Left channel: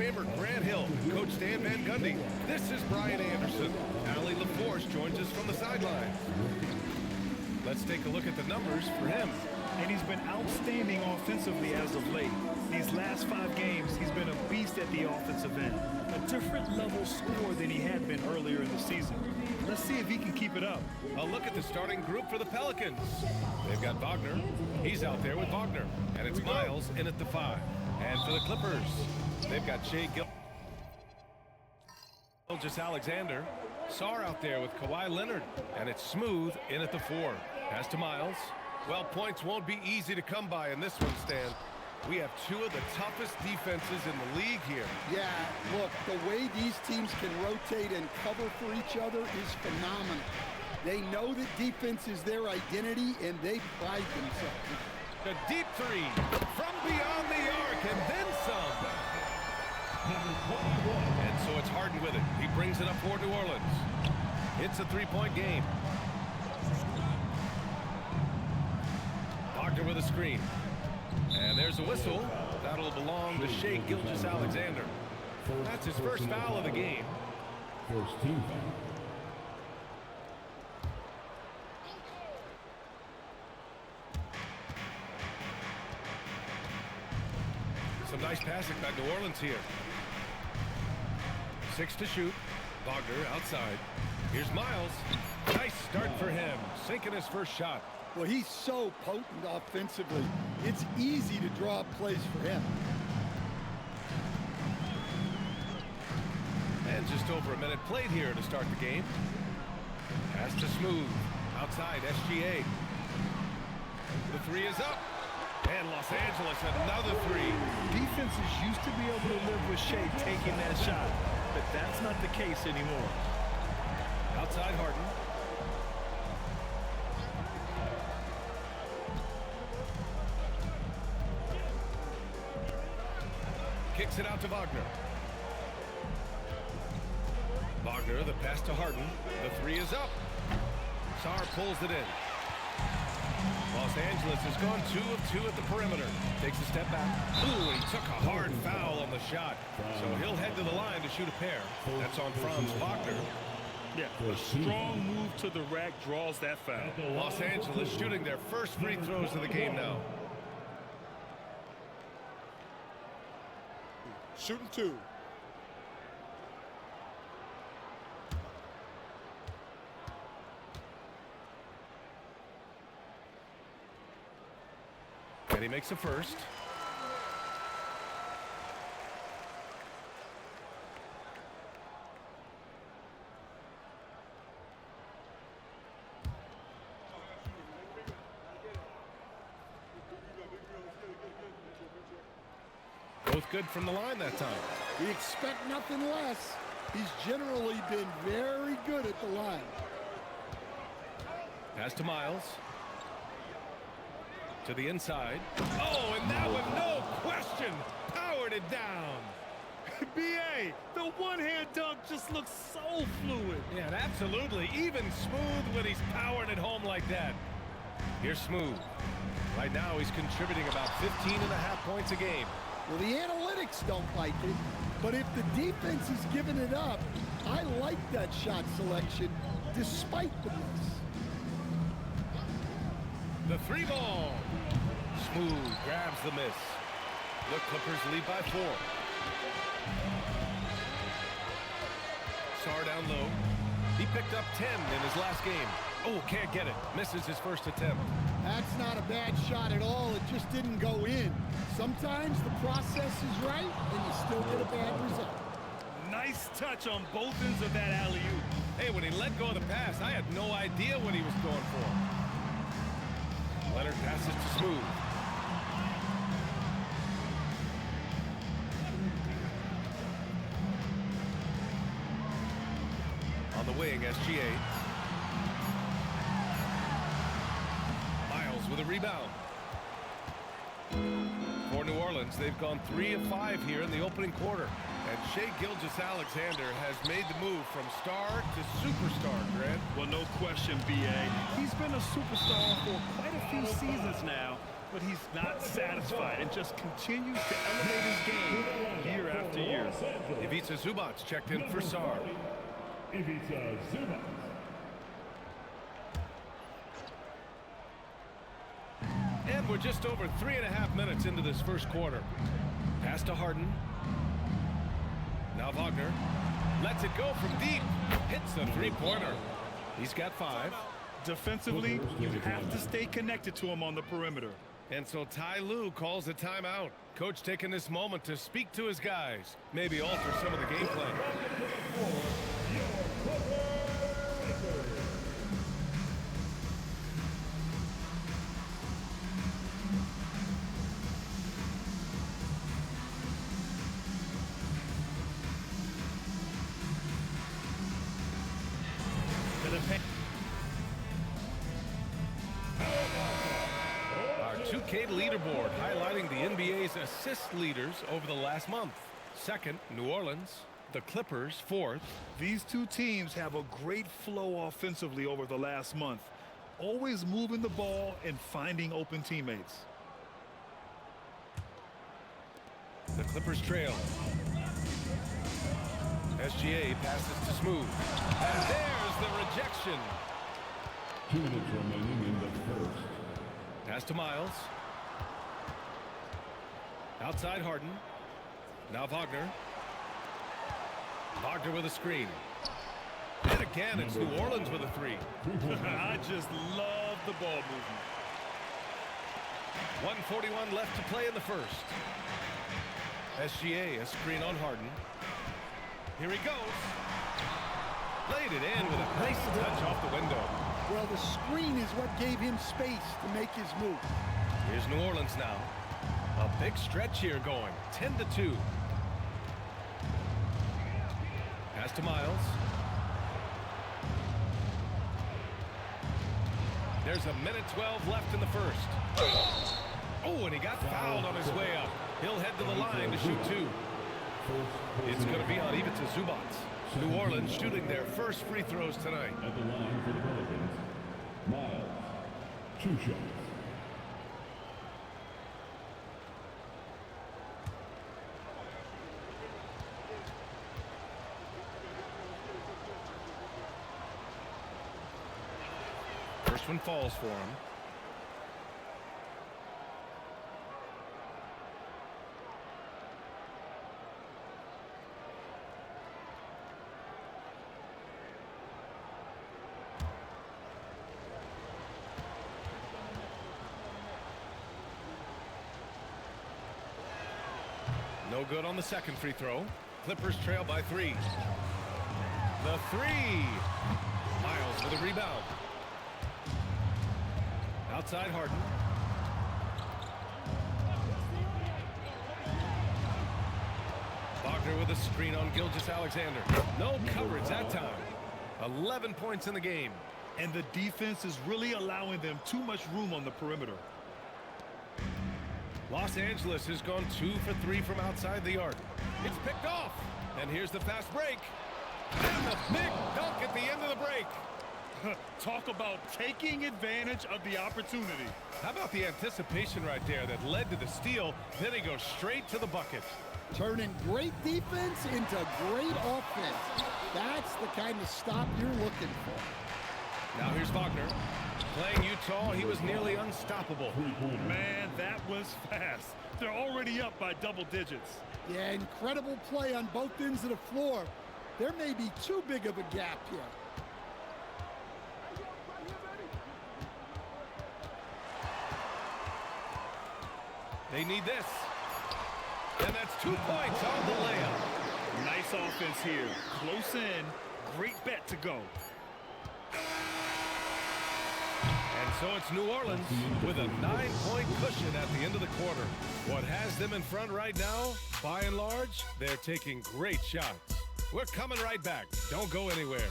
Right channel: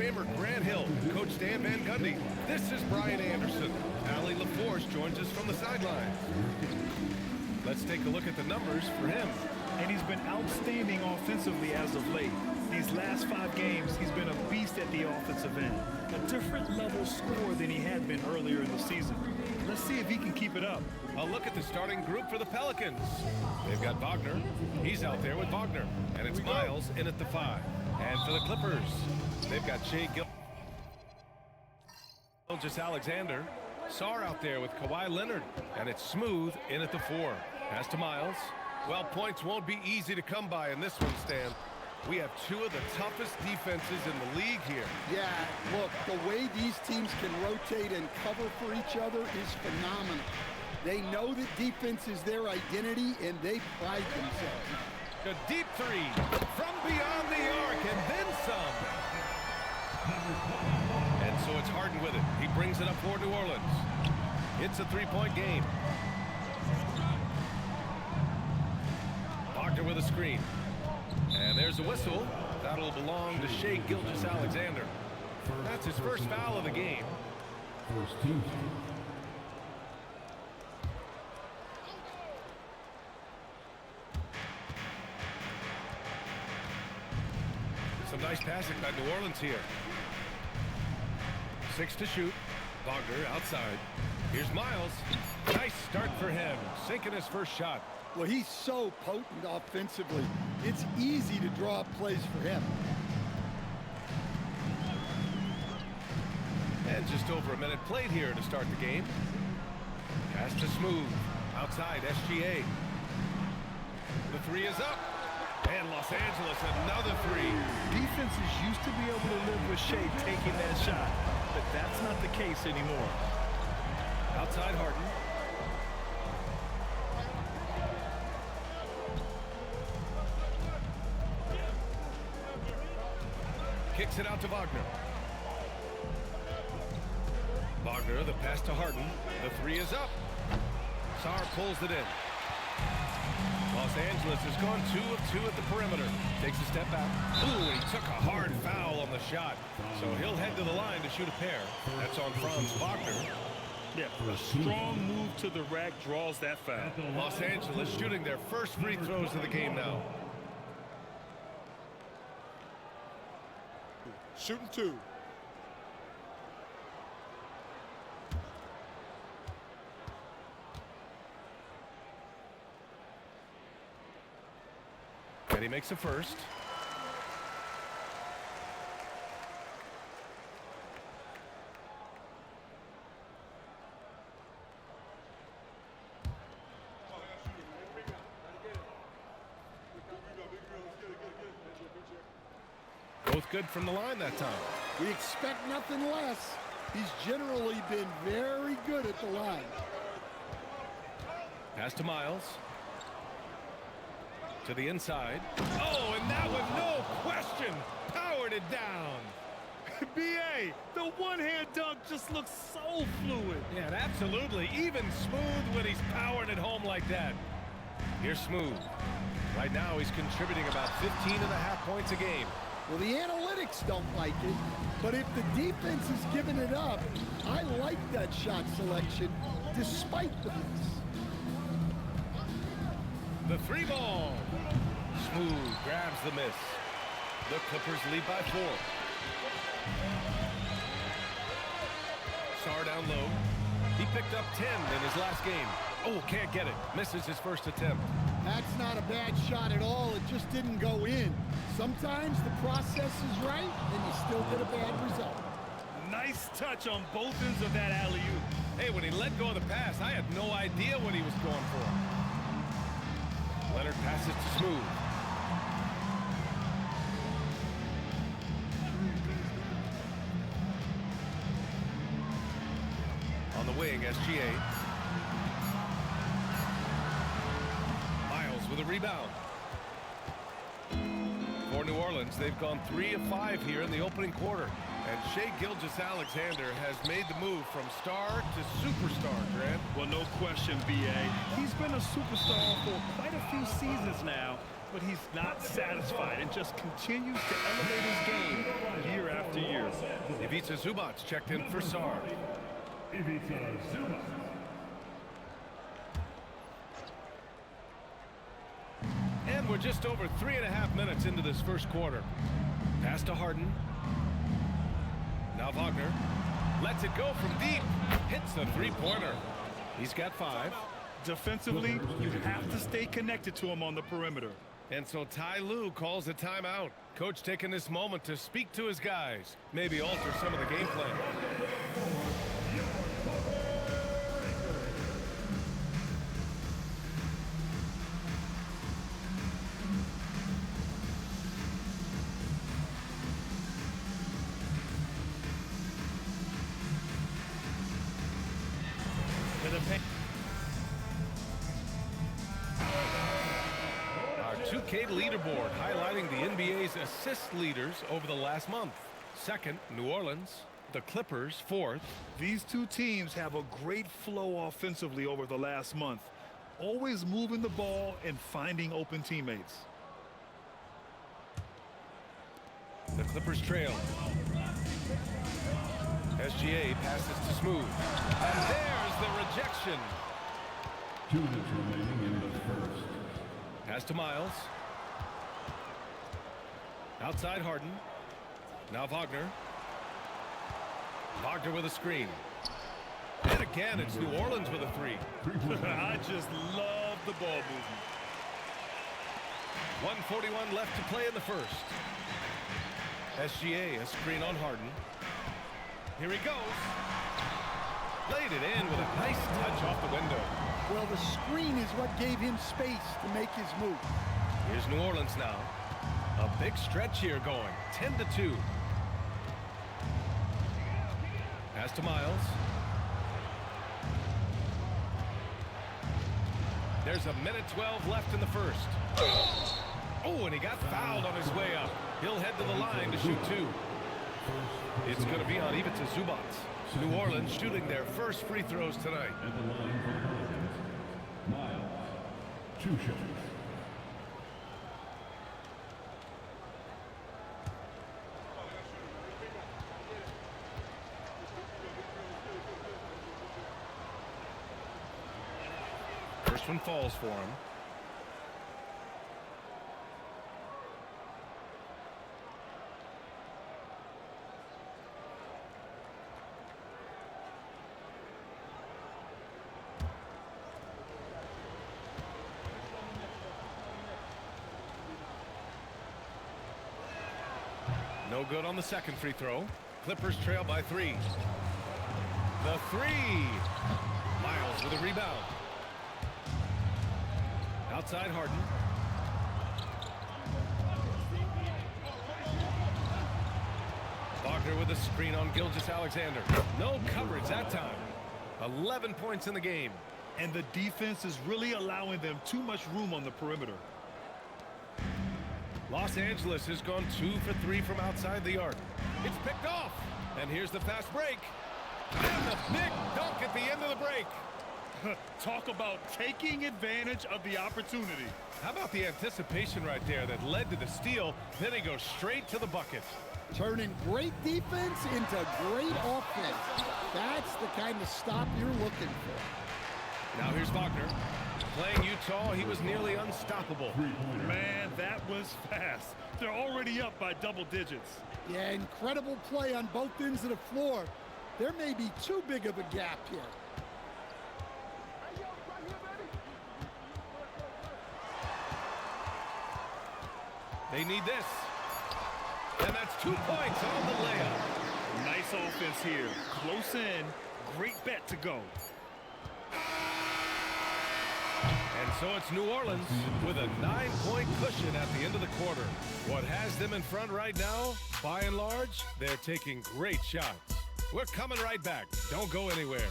Famer Grant Hill, Coach Dan Van Gundy. This is Brian Anderson. Allie LaForce joins us from the sidelines. Let's take a look at the numbers for him. And he's been outstanding offensively as of late. These last 5 games, he's been a beast at the offensive end. A different level score than he had been earlier in the season. Let's see if he can keep it up. A look at the starting group for the Pelicans. They've got Wagner. He's out there with Wagner. And it's Miles in at the 5. And for the Clippers, they've got Shea Gilgeous-Alexander. Sarr out there with Kawhi Leonard. And it's Smooth in at the 4. Pass to Miles. Well, points won't be easy to come by in this one, Stan. We have 2 of the toughest defenses in the league here. Yeah, look, the way these teams can rotate and cover for each other is phenomenal. They know that defense is their identity, and they pride themselves. A deep 3 from beyond the arc, and then some. And so it's Harden with it. He brings it up for New Orleans. It's a 3-point game. Wagner with a screen. And there's a whistle. That'll belong to Shea Gilgeous-Alexander. That's his first foul of the game. First team. Some nice passing by New Orleans here. 6 to shoot. Wagner outside. Here's Miles. Nice start for him. Sinking his first shot. Well, he's so potent offensively. It's easy to draw up plays for him. And just over a minute played here to start the game. Pass to Smooth. Outside, SGA. The 3 is up. And Los Angeles, another 3. Defenses used to be able to live with Shea taking that shot, but that's not the case anymore. Outside Harden. Kicks it out to Wagner. Wagner, the pass to Harden. The 3 is up. Sarr pulls it in. Los Angeles has gone 2 of 2 at the perimeter. Takes a step back. Ooh, he took a hard foul on the shot. So he'll head to the line to shoot a pair. That's on Franz Wagner. Yeah, a strong move to the rack draws that foul. Los Angeles shooting their first free throws of the game now. Shooting 2. And he makes a first. Both good from the line that time. We expect nothing less. He's generally been very good at the line. Pass to Miles. To the inside. Oh, and that one, no question, powered it down. B.A., the one-hand dunk just looks so fluid. Yeah, absolutely. Even Smooth when he's powering it home like that. Here's Smooth. Right now, he's contributing about 15.5 points a game. Well, the analytics don't like it, but if the defense is giving it up, I like that shot selection despite the miss. The 3 ball. Smooth grabs the miss. The Clippers lead by 4. Sarr down low. He picked up 10 in his last game. Oh, can't get it. Misses his first attempt. That's not a bad shot at all. It just didn't go in. Sometimes the process is right, and you still get a bad result. Nice touch on both ends of that alley-oop. Hey, when he let go of the pass, I had no idea what he was going for. Leonard passes to Smooth. On the wing, SGA. Miles with a rebound. For New Orleans, they've gone 3 of 5 here in the opening quarter. And Shea Gilgeous-Alexander has made the move from star to superstar, Grant. Well, no question, B.A. He's been a superstar for quite a few seasons now, but he's not satisfied and just continues to elevate his game year after year. Ivica Zubac checked in for Sar. And we're just over 3.5 minutes into this first quarter. Pass to Harden. Now Wagner lets it go from deep. Hits the three-pointer. He's got 5. Defensively, you have to stay connected to him on the perimeter. And so Ty Lue calls a timeout. Coach taking this moment to speak to his guys. Maybe alter some of the game plan. Our 2K leaderboard highlighting the NBA's assist leaders over the last month. Second, New Orleans. The Clippers, 4th. These two teams have a great flow offensively over the last month. Always moving the ball and finding open teammates. The Clippers trail. SGA passes to Smooth. And there's the rejection. 2 minutes remaining in the first. Pass to Miles. Outside Harden. Now Wagner. Wagner with a screen. And again, it's New Orleans with a 3. I just love the ball movement. 1:41 left to play in the first. SGA, a screen on Harden. Here he goes. Laid it in with a nice touch off the window. Well, the screen is what gave him space to make his move. Here's New Orleans now. A big stretch here going. 10-2. Pass to Miles. There's a minute 12 left in the first. Oh, and he got fouled on his way up. He'll head to the line to shoot 2. It's going to be on Ivica Zubac. New Orleans shooting their first free throws tonight. At the line for the Pelicans, Miles. 2 shots. First one falls for him. No good on the second free throw. Clippers trail by 3. The 3. Miles with a rebound. Outside Harden. Wagner with a screen on Gilgeous-Alexander. No coverage that time. 11 points in the game. And the defense is really allowing them too much room on the perimeter. Los Angeles has gone 2 for 3 from outside the arc. It's picked off. And here's the fast break. And the big dunk at the end of the break. Talk about taking advantage of the opportunity. How about the anticipation right there that led to the steal? Then he goes straight to the bucket. Turning great defense into great offense. That's the kind of stop you're looking for. Now here's Wagner. Playing Utah, he was nearly unstoppable. Man, that was fast. They're already up by double digits. Yeah, incredible play on both ends of the floor. There may be too big of a gap here. They need this. And that's 2 points on the layup. Nice offense here. Close in. Great bet to go. And so it's New Orleans with a 9-point cushion at the end of the quarter. What has them in front right now, by and large, they're taking great shots. We're coming right back. Don't go anywhere.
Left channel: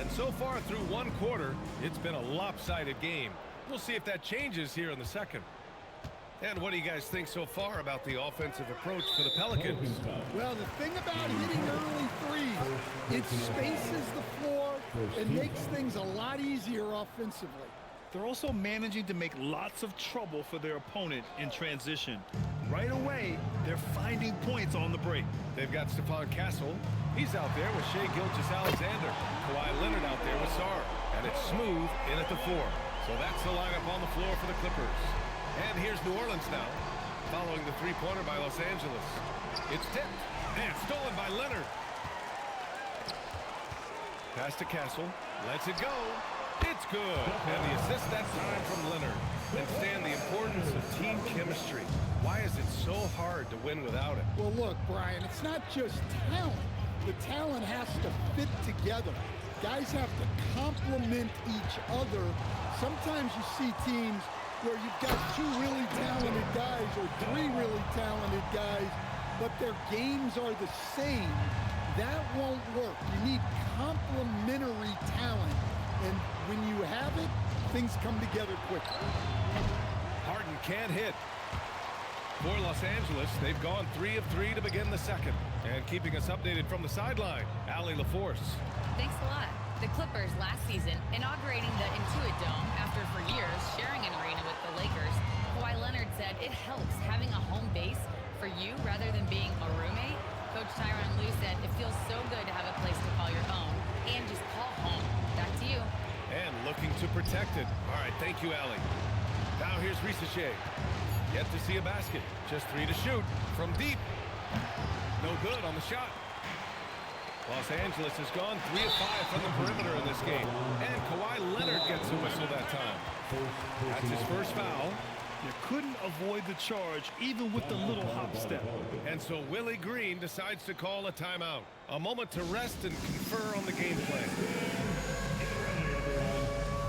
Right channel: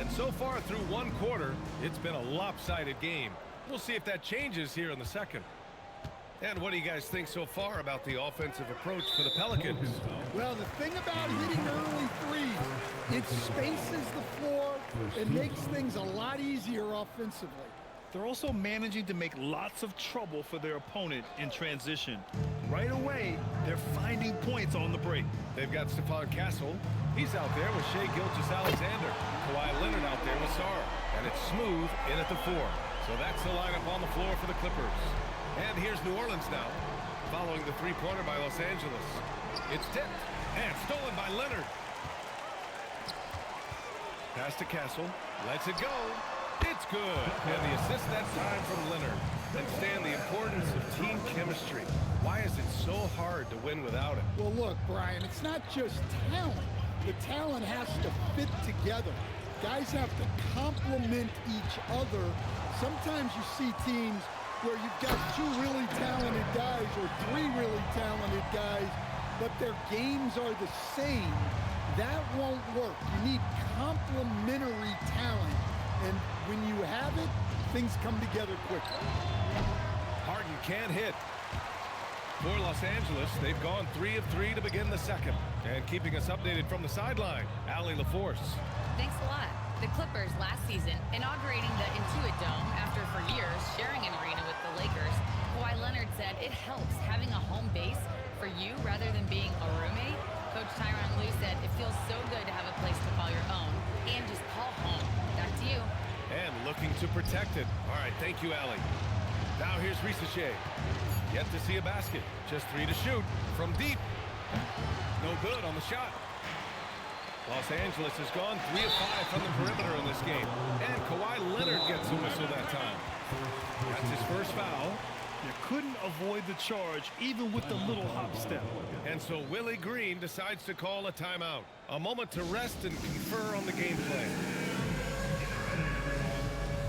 And so far through one quarter, it's been a lopsided game. We'll see if that changes here in the second. And what do you guys think so far about the offensive approach for the Pelicans? Well, the thing about hitting early threes, it spaces the floor and makes things a lot easier offensively. They're also managing to make lots of trouble for their opponent in transition. Right away, they're finding points on the break. They've got Stephon Castle. He's out there with Shai Gilgeous-Alexander. Kawhi Leonard out there with Sarr. And it's Smooth in at the 4. So that's the lineup on the floor for the Clippers. And here's New Orleans now, following the three-pointer by Los Angeles. It's tipped and stolen by Leonard. Pass to Castle, lets it go. It's good. And the assist that time from Leonard. And Stan, the importance of team chemistry. Why is it so hard to win without it? Well, look, Brian, it's not just talent. The talent has to fit together. Guys have to complement each other. Sometimes you see teams where you've got 2 really talented guys or 3 really talented guys, but their games are the same. That won't work. You need complementary talent, and when you have it, things come together quickly. Harden can't hit. For Los Angeles, they've gone 3 of 3 to begin the second. And keeping us updated from the sideline, Allie LaForce. Thanks a lot. The Clippers last season, inaugurating the Intuit Dome after for years sharing an arena with the Lakers, Kawhi Leonard said it helps having a home base for you rather than being a roommate. Coach Tyronn Lue said it feels so good to have a place to call your own and just call home. Back to you. And looking to protect it. All right, thank you, Allie. Now here's Shai. Yet to see a basket. Just 3 to shoot from deep. No good on the shot. Los Angeles has gone 3 of 5 from the perimeter in this game. And Kawhi Leonard gets a whistle that time. That's his first foul. You couldn't avoid the charge even with the little hop step. And so Willie Green decides to call a timeout. A moment to rest and confer on the game plan.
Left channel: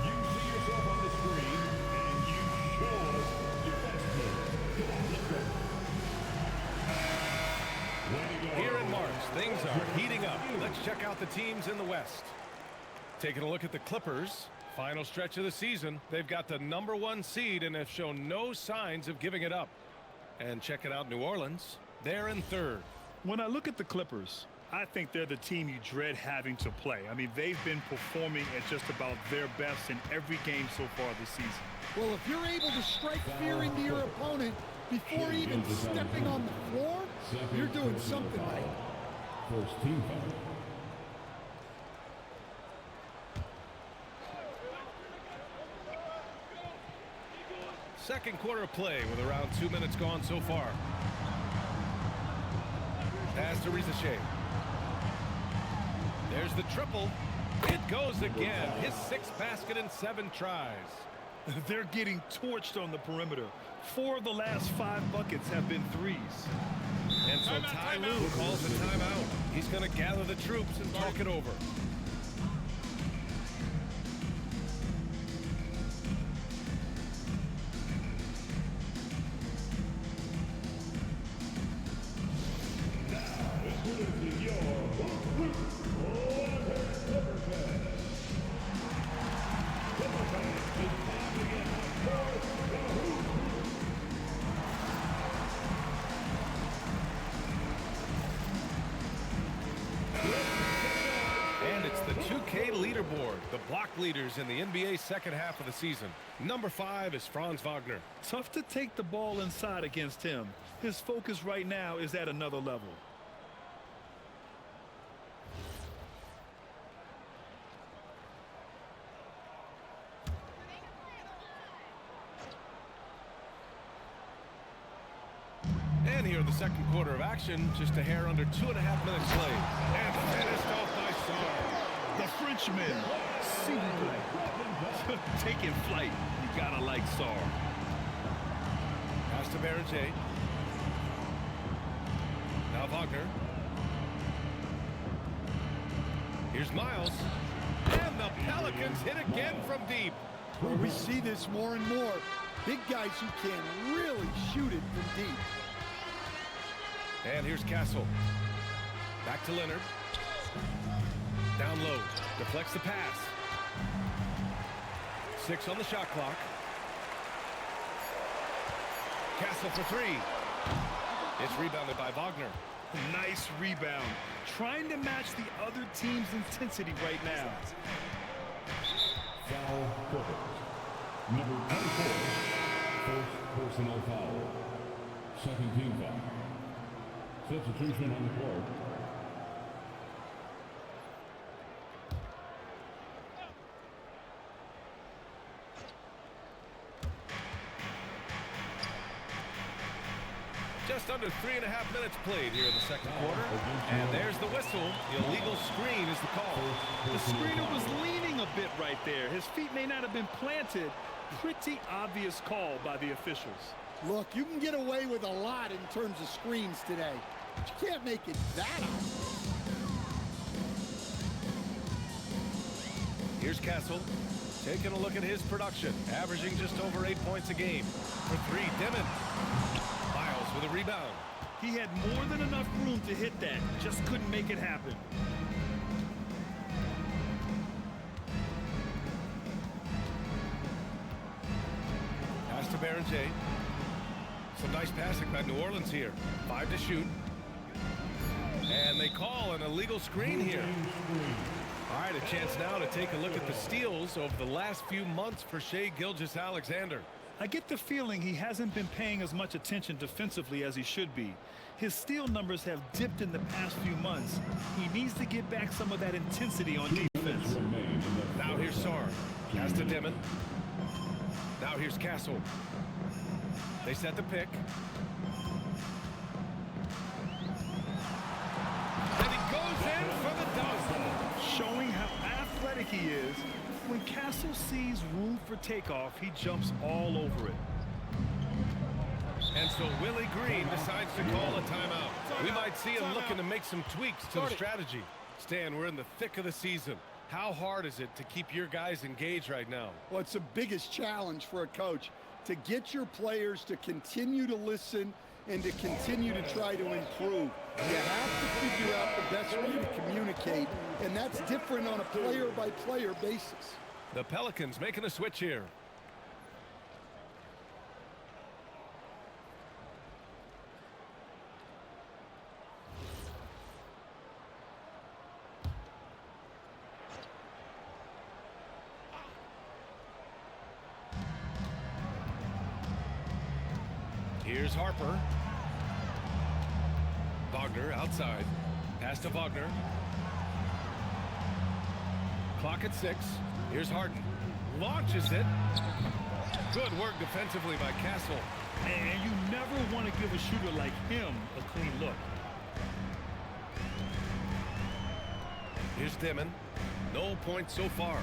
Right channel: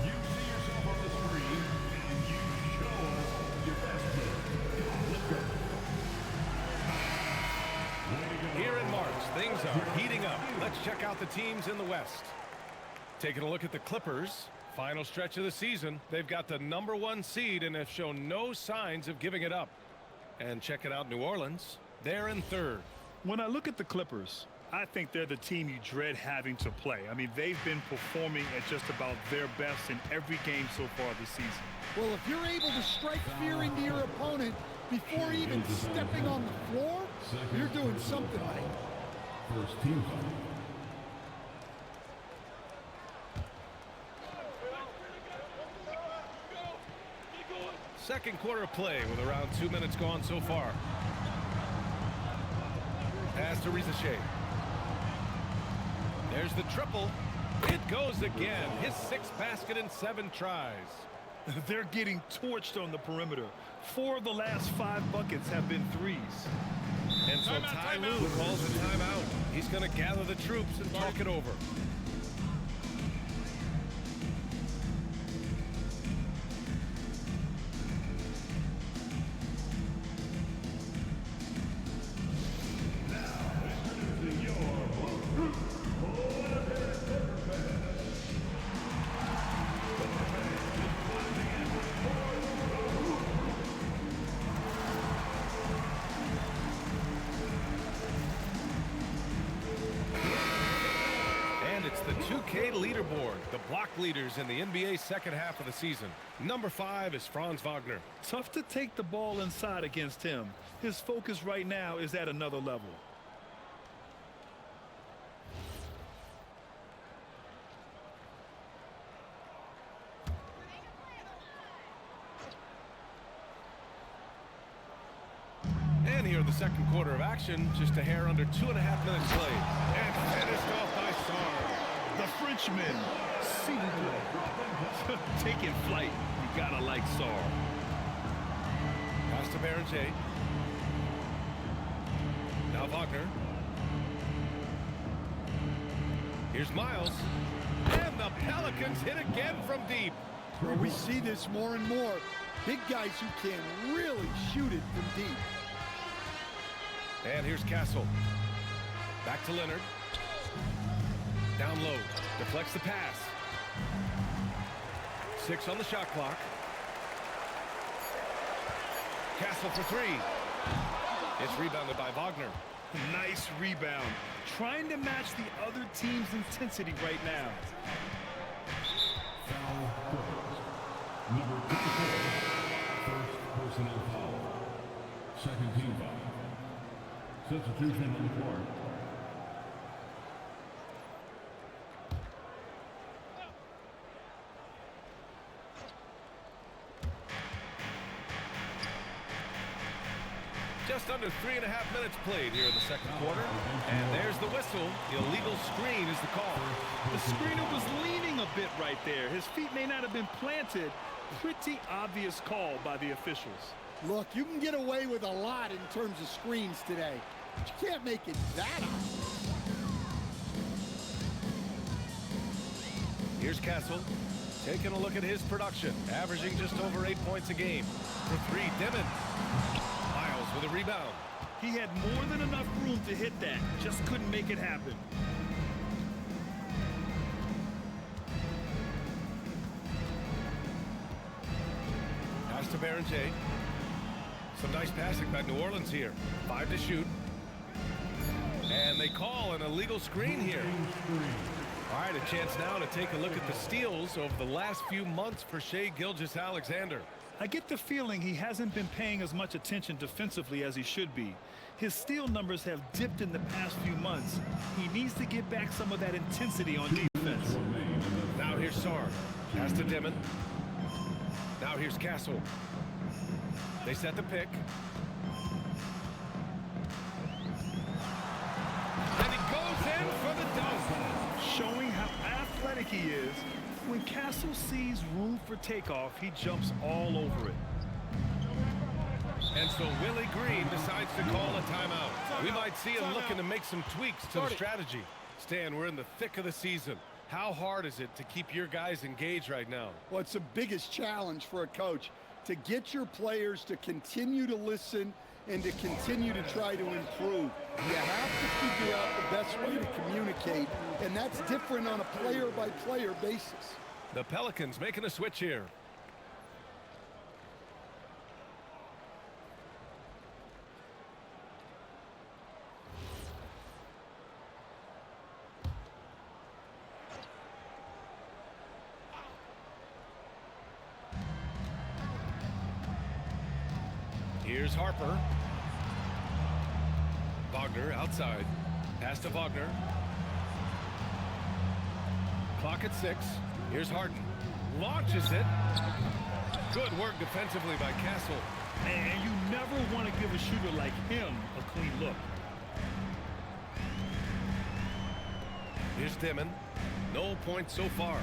You see yourself on the screen, and you show us your best player. Here in March, things are heating up. Let's check out the teams in the West. Taking a look at the Clippers. Final stretch of the season. They've got the #1 seed and have shown no signs of giving it up. And check it out, New Orleans. They're in 3rd. When I look at the Clippers, I think they're the team you dread having to play. I mean, they've been performing at just about their best in every game so far this season. Well, if you're able to strike fear into your opponent before even stepping on the floor, you're doing something right. First team. Second quarter of play with around 2 minutes gone so far. Pass to Shai. There's the triple. It goes again. His 6th basket in 7 tries. They're getting torched on the perimeter. 4 of the last 5 buckets have been threes. And so Ty Lue calls a timeout. He's going to gather the troops and talk it over. And it's the 2K leaderboard, the block leaders in the NBA second half of the season. Number 5 is Franz Wagner. Tough to take the ball inside against him. His focus right now is at another level. And here in the second quarter of action, just a hair under 2.5 minutes played. And finished off by Sarr. The Frenchman, s'il vous plaît. Taking flight. You gotta like Sarr. Pass to J. Now Wagner. Here's Miles. And the Pelicans hit again from deep. Well, we see this more and more. Big guys who can really shoot it from deep. And here's Castle. Back to Leonard. Down low. Deflects the pass. 6 on the shot clock. Castle for 3. It's rebounded by Wagner. Nice rebound. Trying to match the other team's intensity right now. Foul Pelicans. Number 24. First personal foul. Second team foul. Substitution on the court. Just under 3.5 minutes played here in the second quarter. And there's the whistle. The illegal screen is the call. The screener was leaning a bit right there. His feet may not have been planted. Pretty obvious call by the officials. Look, you can get away with a lot in terms of screens today, but you can't make it that obvious. Here's Castle taking a look at his production, averaging just over 8 points a game. For 3, Dimon. Miles with a rebound. He had more than enough room to hit that. Just couldn't make it happen. Pass to Barron-J. Some nice passing by New Orleans here. 5 to shoot. And they call an illegal screen here. All right, a chance now to take a look at the steals over the last few months for Shai Gilgeous-Alexander. I get the feeling he hasn't been paying as much attention defensively as he should be. His steal numbers have dipped in the past few months. He needs to get back some of that intensity on defense. Now here's Sarr. Pass to Dimon. Now here's Castle. They set the pick. And he goes in for the dunk. Showing how athletic he is. When Castle sees room for takeoff, he jumps all over it. And so Willie Green decides to call a timeout. We might see him looking to make some tweaks to the strategy. Stan, we're in the thick of the season. How hard is it to keep your guys engaged right now? Well, it's the biggest challenge for a coach, to get your players to continue to listen and to continue to try to improve. You have to figure out the best way to communicate, and that's different on a player-by-player basis. The Pelicans making a switch here. Here's Harper. Wagner outside. Pass to Wagner. Clock at 6. Here's Harden. Launches it. Good work defensively by Castle. And you never want to give a shooter like him a clean look. Here's Dimon. No points so far.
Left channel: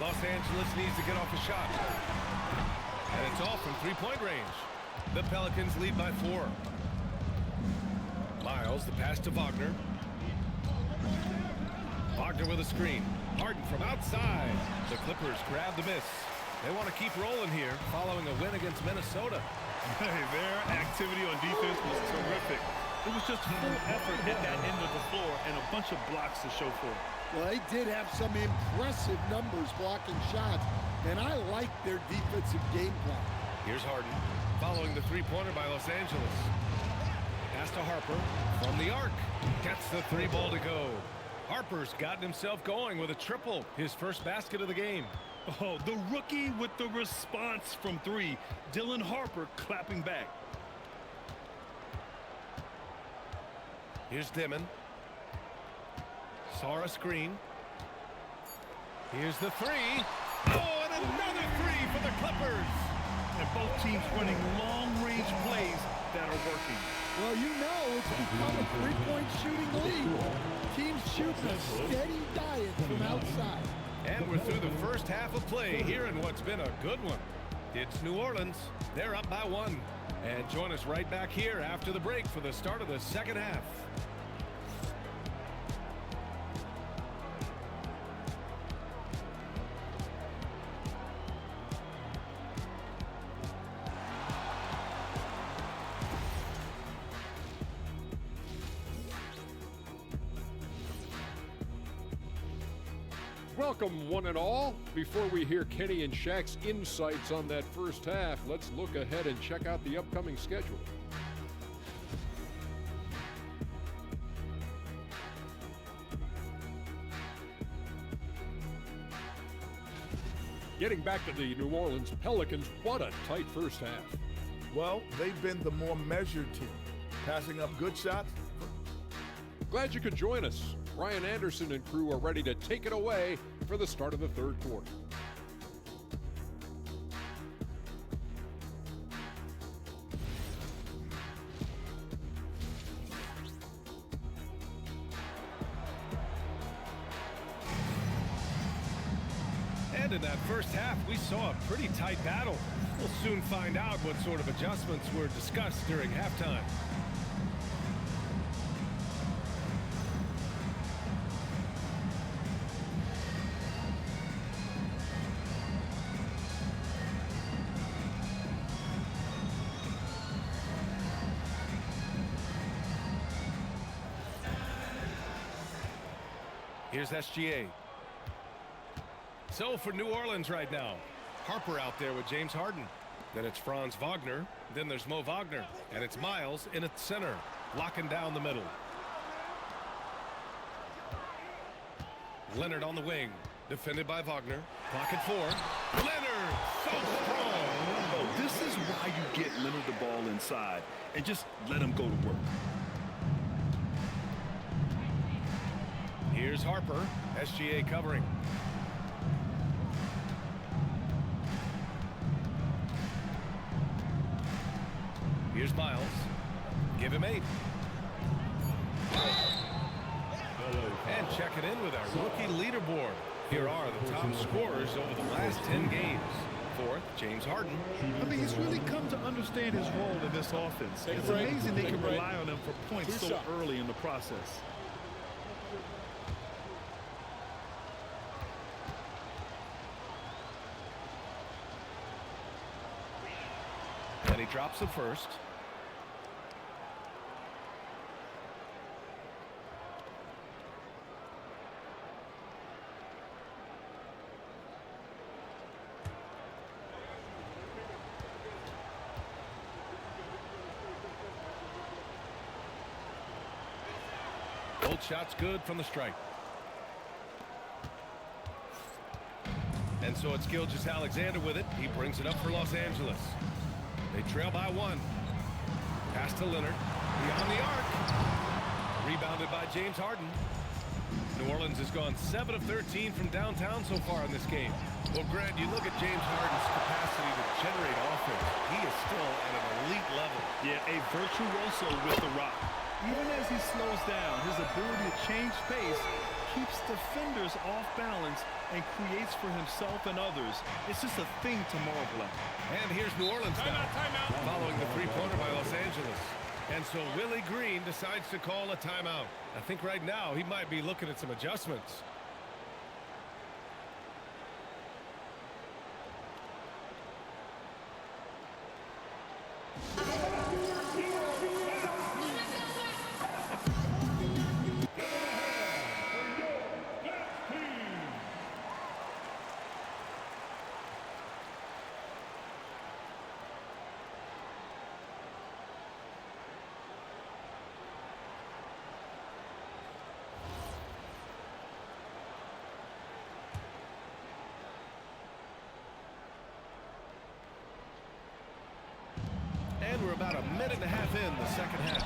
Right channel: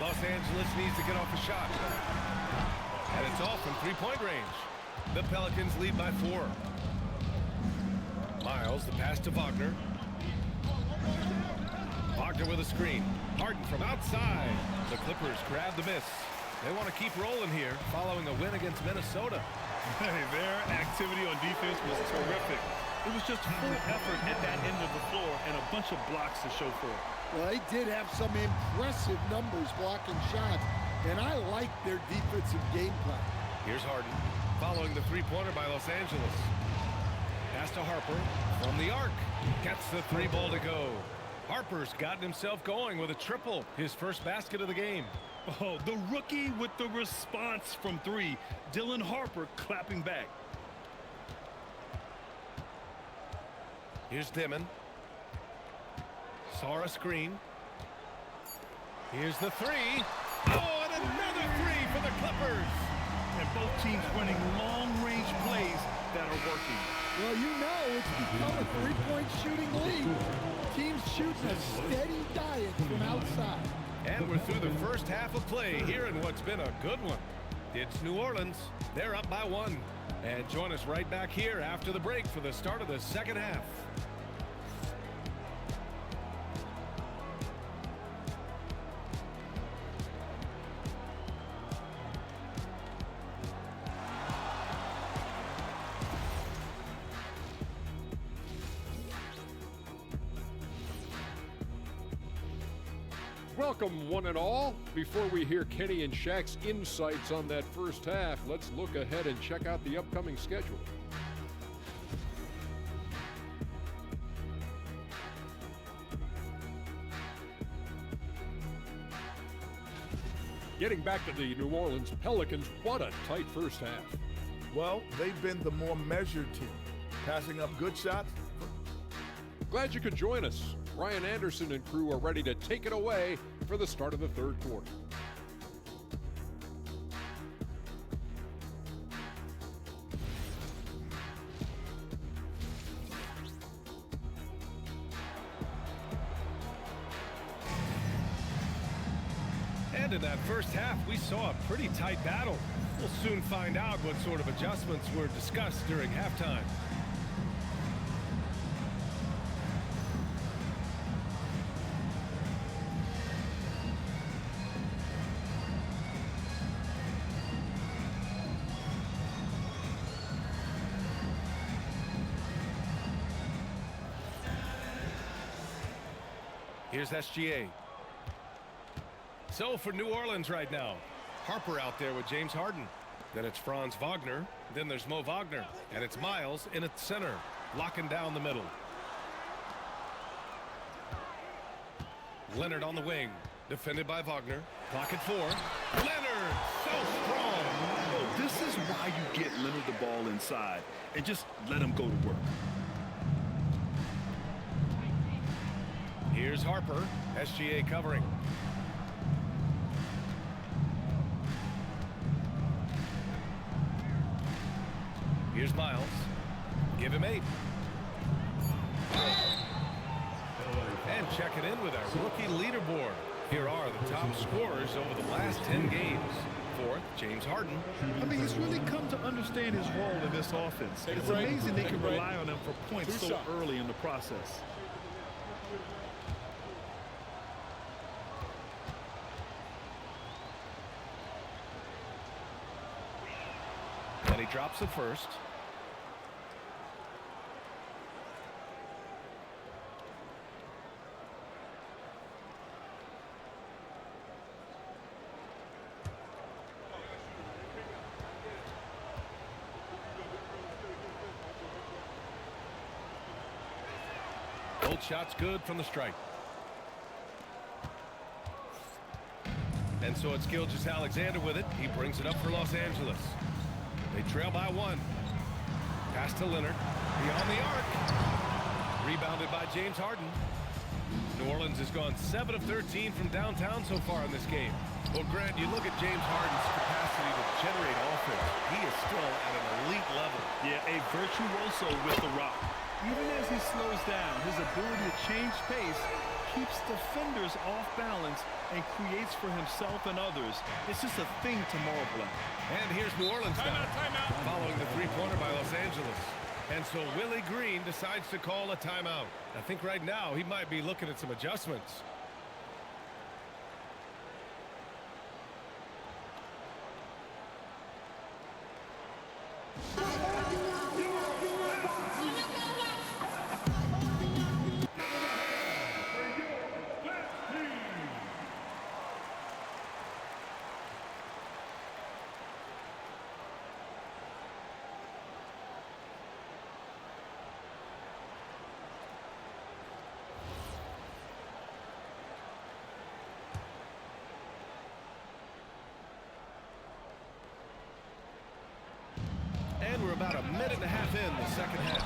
Los Angeles needs to get off a shot. And it's off from three-point range. The Pelicans lead by 4. Miles, the pass to Wagner. Wagner with a screen. Harden from outside. The Clippers grab the miss. They want to keep rolling here following a win against Minnesota. Hey, their activity on defense was terrific. It was just full effort at that end of the floor and a bunch of blocks to show for it. Well, they did have some impressive numbers blocking shots, and I like their defensive game plan. Here's Harden following the three-pointer by Los Angeles. Pass to Harper from the arc. Gets the 3 ball to go. Harper's gotten himself going with a triple, his first basket of the game. Oh, the rookie with the response from 3. Dylan Harper clapping back. Here's Dimon. Sarr a screen. Here's the 3. Oh, and another 3 for the Clippers. And both teams running long-range plays that are working. Well, you know it's become a three-point shooting league. Teams shooting a steady diet from outside. And we're through the first half of play here in what's been a good one. It's New Orleans. They're up by 1. And join us right back here after the break for the start of the second half. Welcome, one and all. Before we hear Kenny and Shaq's insights on that first half, let's look ahead and check out the upcoming schedule. Getting back to the New Orleans Pelicans, what a tight first half. Well, they've been the more measured team, passing up good shots. Glad you could join us. Ryan Anderson and crew are ready to take it away for the start of the third quarter. And in that first half, we saw a pretty tight battle. We'll soon find out what sort of adjustments were discussed during halftime. Here's SGA. So for New Orleans right now, Harper out there with James Harden. Then it's Franz Wagner. Then there's Mo Wagner. And it's Miles in at center, locking down the middle. Leonard on the wing, defended by Wagner. Clock at 4. Leonard, so strong. Oh, this is why you get Leonard the ball inside and just let him go to work. Here's Harper, SGA covering. Here's Miles. Give him 8. And check it in with our rookie leaderboard. Here are the top scorers over the last 10 games. 4th, James Harden. I mean, he's really come to understand his role in this offense. It's amazing they can rely on him for points so early in the process. And he drops it first. Both shots good from the strike. And so it's Gilgeous-Alexander with it. He brings it up for Los Angeles. They trail by 1. Pass to Leonard. Beyond the arc. Rebounded by James Harden. New Orleans has gone 7 of 13 from downtown so far in this game. Well, Grant, you look at James Harden's capacity to generate offense. He is still at an elite level. Yeah, a virtuoso with the rock. Even as he slows down, his ability to change pace keeps defenders off balance and creates for himself and others. It's just a thing to marvel at. And here's New Orleans now, following the three-pointer by Los Angeles. And so Willie Green decides to call a timeout. I think right now he might be looking at some adjustments. And we're about a minute and a half in the second half.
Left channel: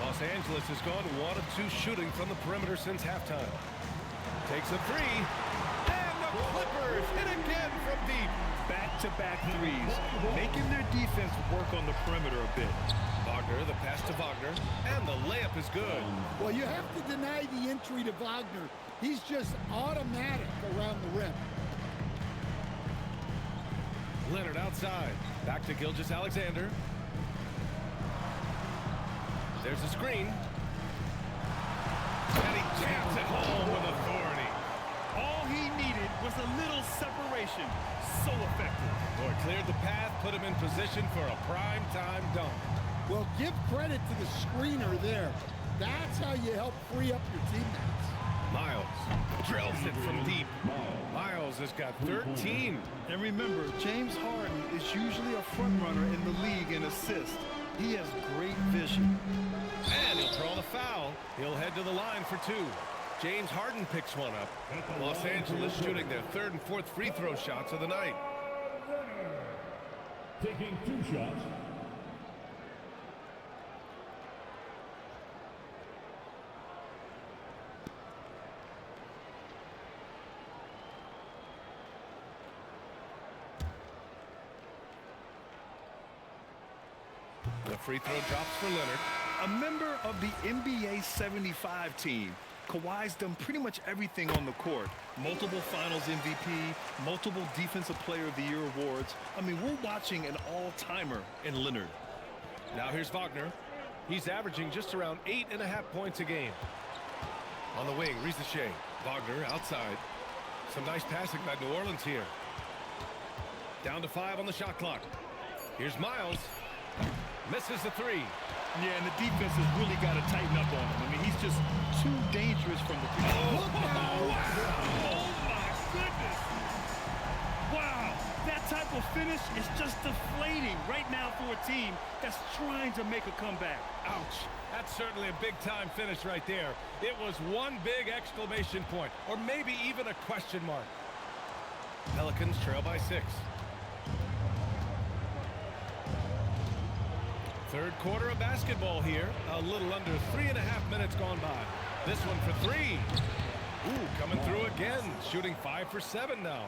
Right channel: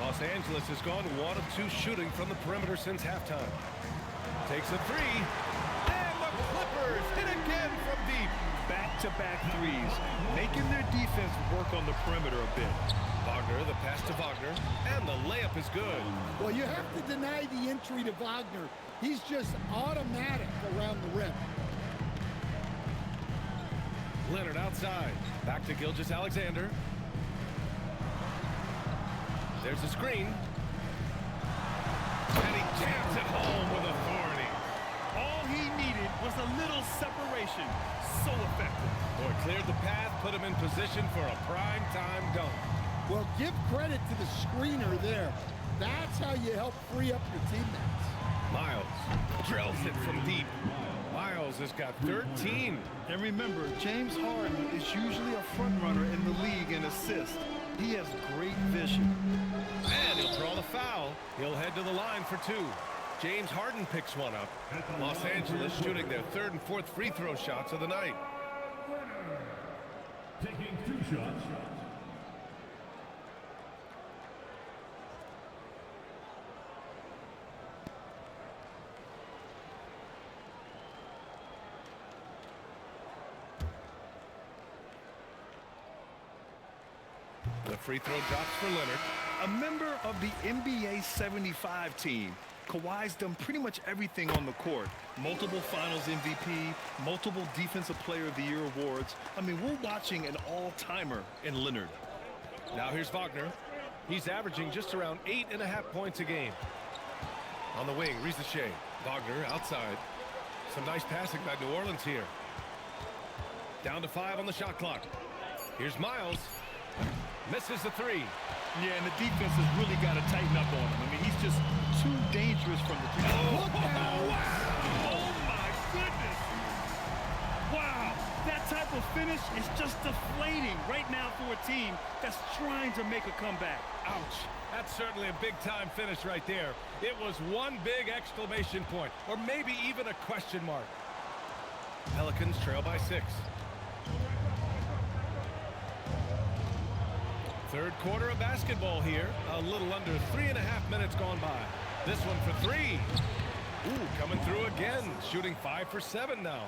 Los Angeles has gone 1 of 2 shooting from the perimeter since halftime. Takes a 3. And the Clippers hit again from deep. Back-to-back threes, making their defense work on the perimeter a bit. Wagner, the pass to Wagner, and the layup is good. Well, you have to deny the entry to Wagner. He's just automatic around the rim. Leonard outside. Back to Gilgeous-Alexander. There's a screen. And he jams it home with authority. All he needed was a little separation. So effective. Boy, cleared the path, put him in position for a prime-time dunk. Well, give credit to the screener there. That's how you help free up your teammates. Miles drills it from deep. Miles has got 13. And remember, James Harden is usually a front runner in the league in assists. He has great vision. And he'll draw the foul. He'll head to the line for 2. James Harden picks one up. Los Angeles shooting their 3rd and 4th free throw shots of the night. Taking 2 shots. The free throw drops for Leonard. A member of the NBA 75 team, Kawhi's done pretty much everything on the court. Multiple Finals MVP, multiple Defensive Player of the Year awards. I mean, we're watching an all-timer in Leonard. Now here's Wagner. He's averaging just around 8.5 points a game. On the wing, Rizachet. Wagner outside. Some nice passing by New Orleans here. Down to 5 on the shot clock. Here's Miles. Misses the 3. Yeah, and the defense has really got to tighten up on him. I mean, he's just too dangerous from the 3. Look out! Wow! Oh, my goodness! Wow! That type of finish is just deflating right now for a team that's trying to make a comeback. Ouch. That's certainly a big-time finish right there. It was one big exclamation point, or maybe even a question mark. Pelicans trail by 6. Third quarter of basketball here. A little under 3.5 minutes gone by. This one for 3. Ooh, coming through again. Shooting 5 for 7 now.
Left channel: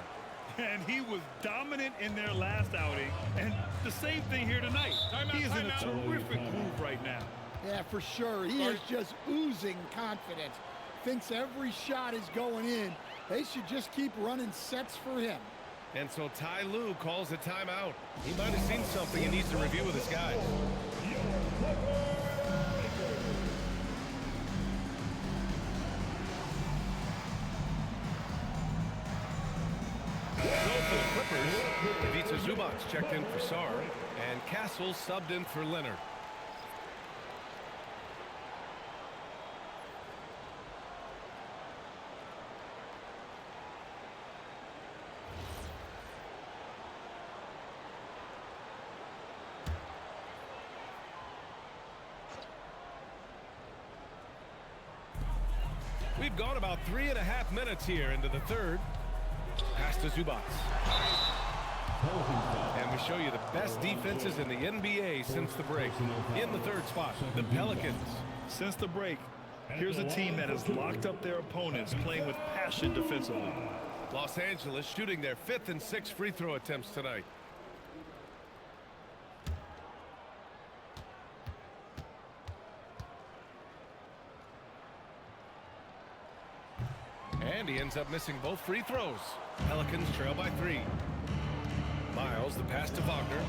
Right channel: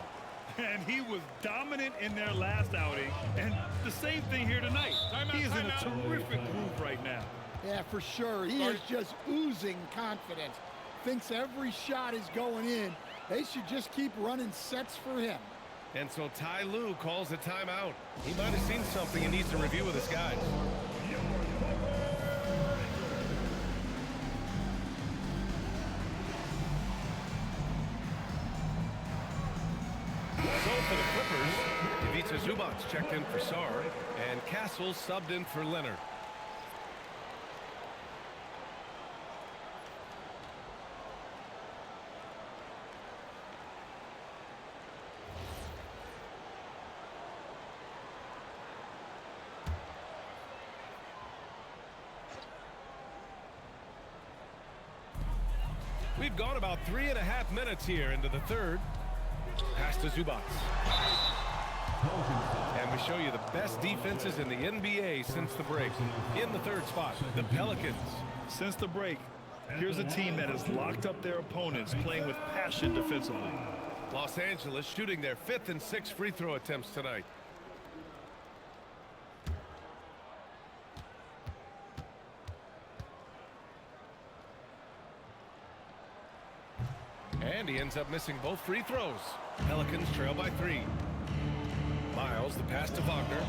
And he was dominant in their last outing. And the same thing here tonight. He is in a terrific groove right now. Yeah, for sure. He is just oozing confidence. Thinks every shot is going in. They should just keep running sets for him. And so Ty Lue calls a timeout. He might have seen something he needs to review with his guys. So for the Clippers, Ivica Zubac checked in for Sarr, and Castle subbed in for Leonard. We've gone about 3.5 minutes here into the third. Pass to Zubac. And we show you the best defenses in the NBA since the break. In the third spot, the Pelicans. Since the break, here's a team that has locked up their opponents, playing with passion defensively. Los Angeles shooting their 5th and 6th free throw attempts tonight. And he ends up missing both free throws. Pelicans trail by 3. Miles, the pass to Wagner.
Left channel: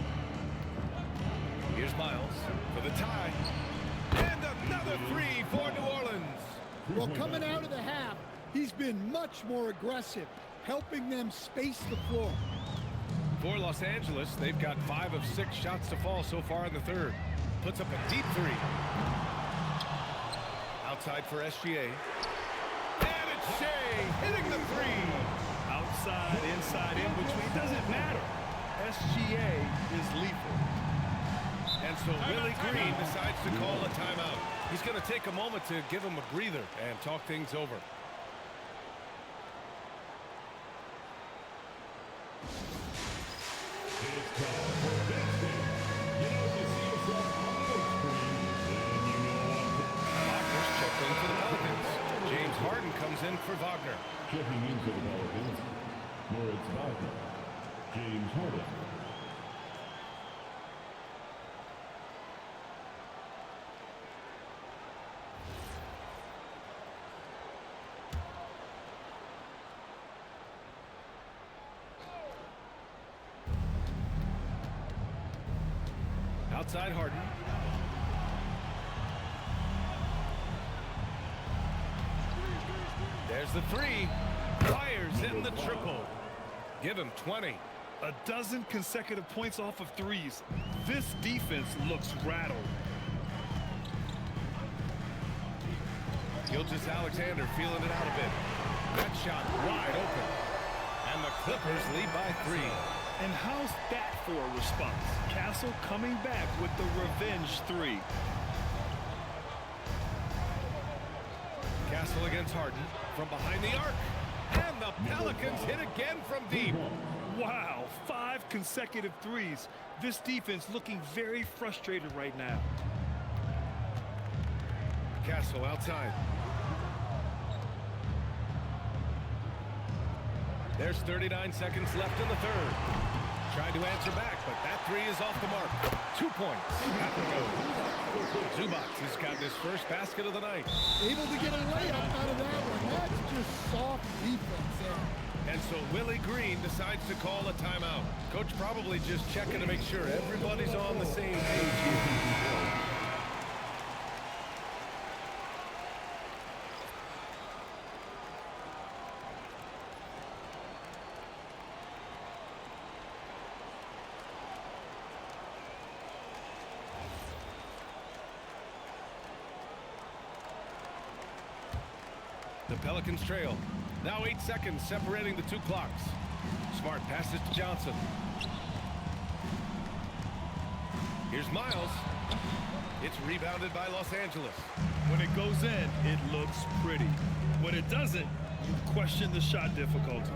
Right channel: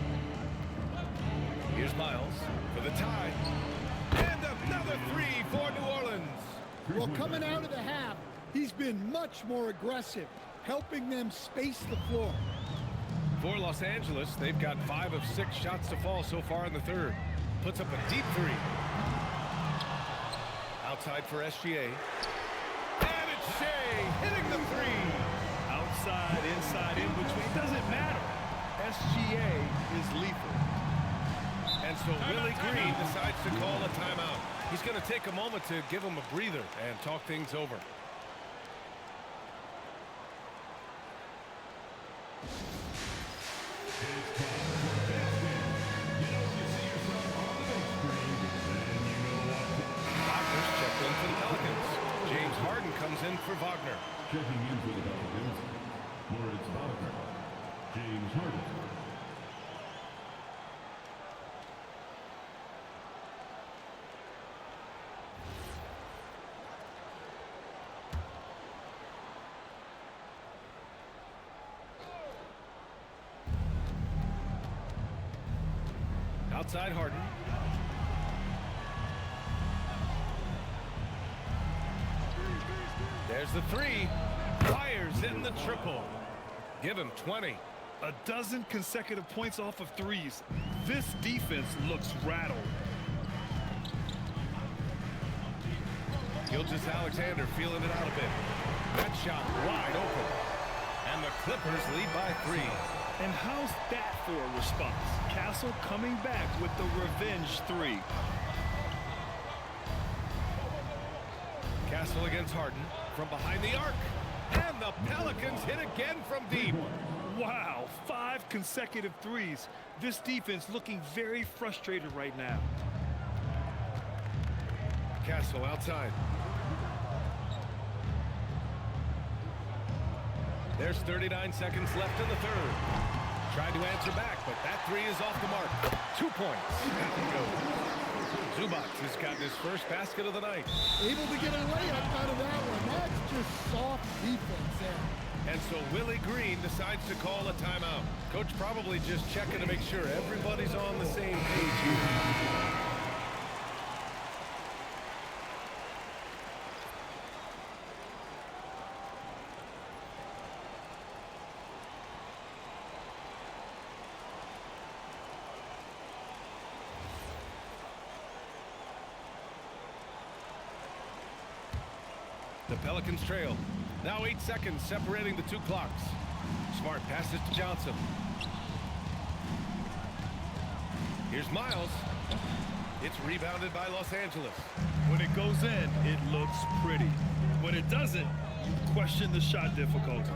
Here's Miles for the tie. And another 3 for New Orleans. Well, coming out of the half, he's been much more aggressive, helping them space the floor. For Los Angeles, they've got 5 of 6 shots to fall so far in the third. Puts up a deep 3. Outside for SGA. And it's Shea hitting the 3. Outside, inside, in between, doesn't matter. SGA is lethal. And so Willie Green decides to call a timeout. He's going to take a moment to give him a breather and talk things over. Wagner's checked in for the Pelicans. James Harden comes in for Wagner. Checking in for the Pelicans, Moritz Wagner, James Harden. Outside Harden. There's the 3. Fires in the triple. Give him 20. A dozen consecutive points off of threes. This defense looks rattled. Gilgeous-Alexander feeling it out a bit. That shot wide open. And the Clippers lead by 3. And how's that for a response? Castle coming back with the revenge 3. Castle against Harden from behind the arc. And the Pelicans hit again from deep. Wow, 5 consecutive threes. This defense looking very frustrated right now. Castle outside. There's 39 seconds left in the third. Tried to answer back, but that 3 is off the mark. 2 points. That one goes. Zubac has gotten his first basket of the night. Able to get a layup out of that one. That's just soft defense there. And so Willie Green decides to call a timeout. Coach probably just checking to make sure everybody's on the same page here. The Pelicans trail. Now 8 seconds separating the 2 clocks. Smart passes to Johnson. Here's Miles. It's rebounded by Los Angeles. When it goes in, it looks pretty. When it doesn't, you question the shot difficulty.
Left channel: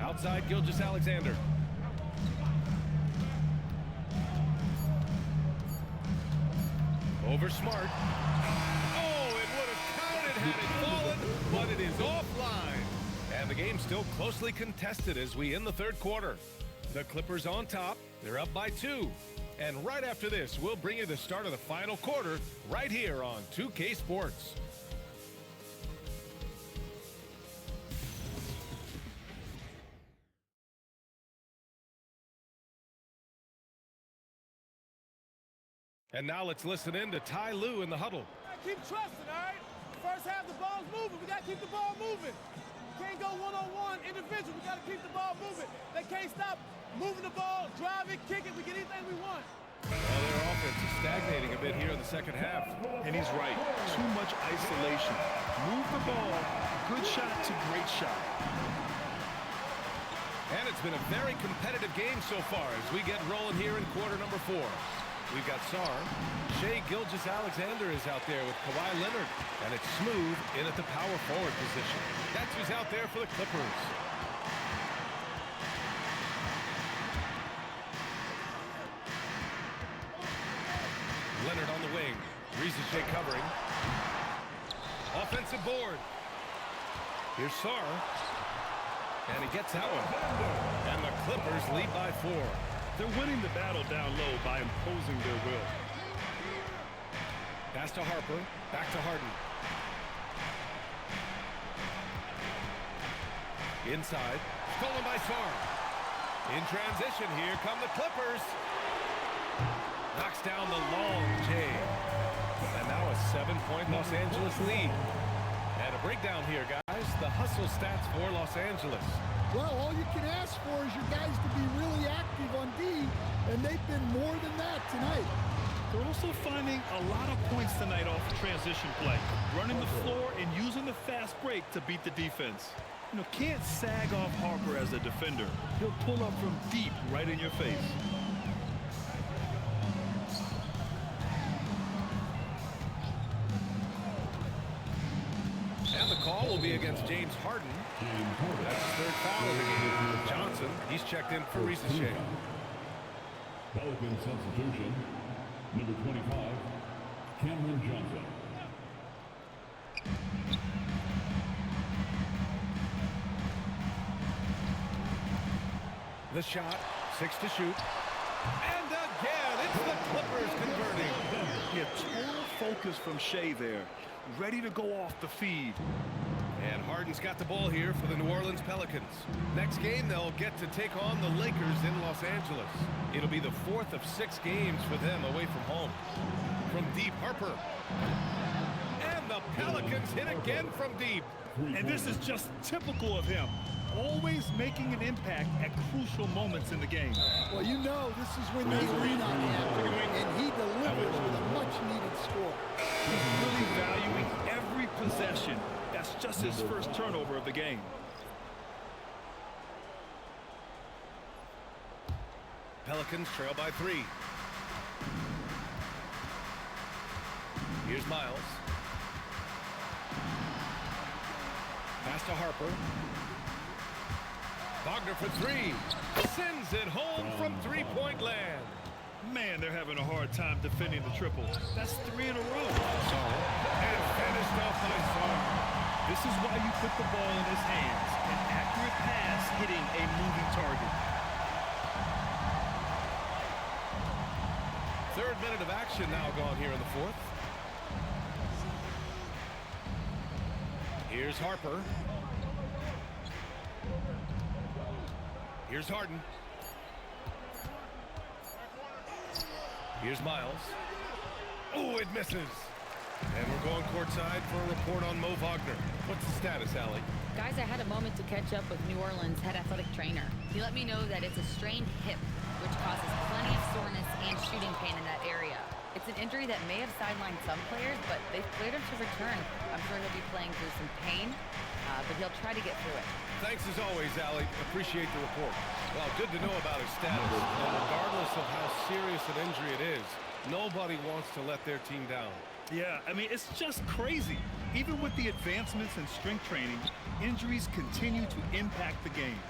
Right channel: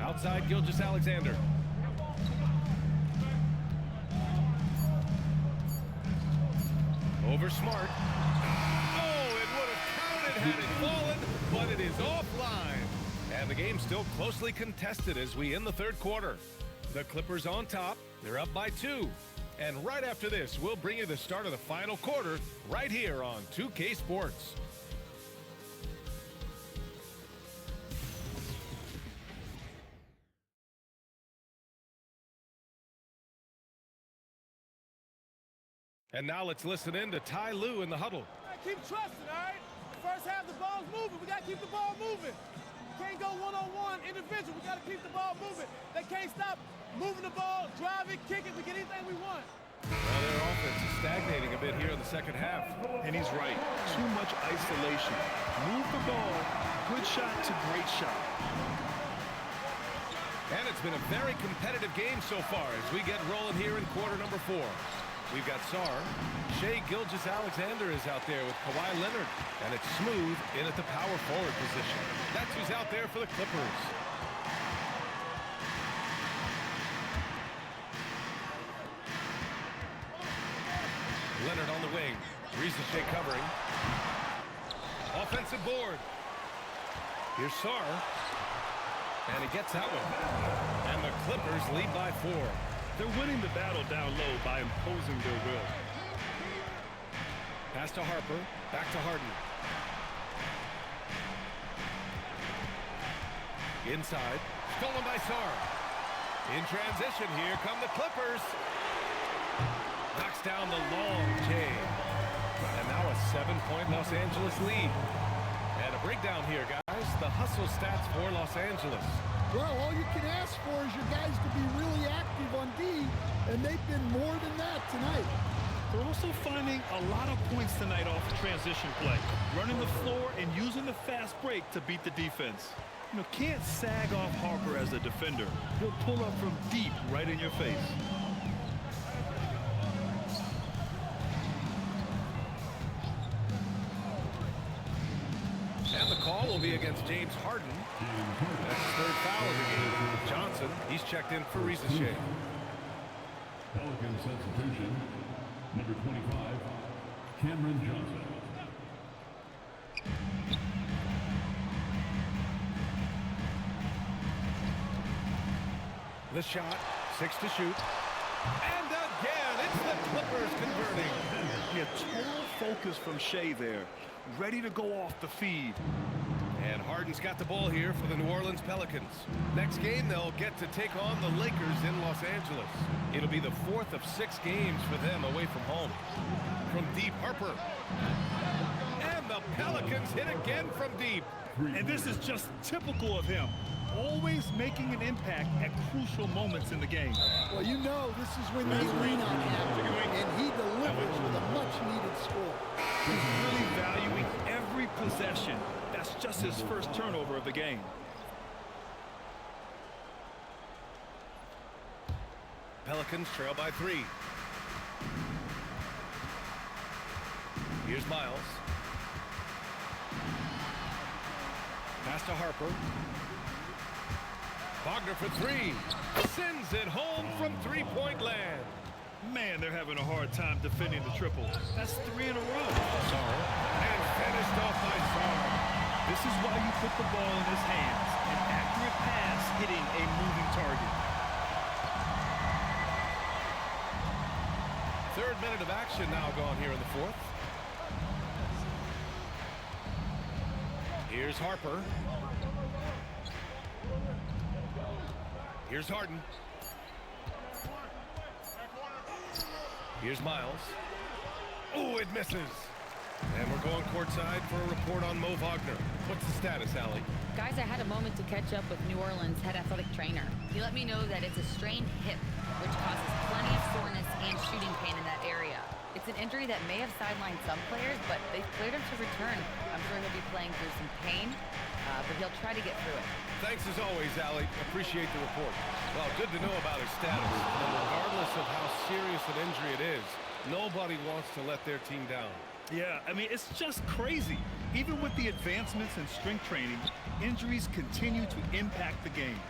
Outside Gilgeous-Alexander. Over Smart. Oh, it would have counted had it fallen, but it is offline. And the game's still closely contested as we end the third quarter. The Clippers on top. They're up by 2. And right after this, we'll bring you the start of the final quarter right here on 2K Sports. And now let's listen in to Ty Lue in the huddle. Keep trusting, all right? First half, the ball's moving. We got to keep the ball moving. Can't go one-on-one individual. We got to keep the ball moving. They can't stop moving the ball, drive it, kick it. We get anything we want. Well, their offense is stagnating a bit here in the second half. And he's right. Too much isolation. Move the ball. Good shot to great shot. And it's been a very competitive game so far as we get rolling here in quarter number 4. We've got Sarr. Shai Gilgeous-Alexander is out there with Kawhi Leonard. And it's Smooth in at the power forward position. That's who's out there for the Clippers. Leonard on the wing. Shai covering. Offensive board. Here's Sarr. And he gets that one. And the Clippers lead by 4. They're winning the battle down low by imposing their will. Pass to Harper. Back to Harden. Inside. Stolen by Sarr. In transition, here come the Clippers. Knocks down the long J. And now a 7-point Los Angeles lead. And a breakdown here, guys. The hustle stats for Los Angeles. Well, all you can ask for is your guys to be really active on D, and they've been more than that tonight. They're also finding a lot of points tonight off of transition play, running the floor and using the fast break to beat the defense. You know, can't sag off Harper as a defender. He'll pull up from deep right in your face. And the call will be against James Harden. That's his 3rd foul of the game. Johnson, he's checked in for Shai. Pelican substitution, number 25, Cameron Johnson. The shot, 6 to shoot. And again, it's the Clippers converting. Yeah, total focus from Shai there. Ready to go off the feed. And Harden's got the ball here for the New Orleans Pelicans. Next game, they'll get to take on the Lakers in Los Angeles. It'll be the 4th of 6 games for them away from home. From deep, Harper. And the Pelicans hit again from deep. And this is just typical of him. always making an impact at crucial moments in the game. Well, you know this is when they lean on him, and he delivers with a much-needed score. He's really valuing every possession. That's just his first turnover of the game. Pelicans trail by 3. Here's Miles. Pass to Harper. Wagner for 3. Sends it home from three-point land. Man, they're having a hard time defending the triple. That's 3 in a row. Sar. And finished off by Sar. This is why you put the ball in his hands. An accurate pass hitting a moving target. Third minute of action now gone here in the fourth. Here's Harper. Here's Harden. Here's Miles. Oh, it misses. And we're going courtside for a report on Mo Wagner. What's the status, Allie? Guys, I had a moment to catch up with New Orleans head athletic trainer. He let me know that it's a strained hip, which causes plenty of soreness and shooting pain in that area. It's an injury that may have sidelined some players, but they've cleared him to return. I'm sure he'll be playing through some pain, but he'll try to get through it. Thanks as always, Allie. Appreciate the report. Well, good to know about his status. And regardless of how serious an injury it is, nobody wants to let their team down. Yeah, I mean, it's just crazy. Even with the advancements in strength training, injuries continue to impact the game.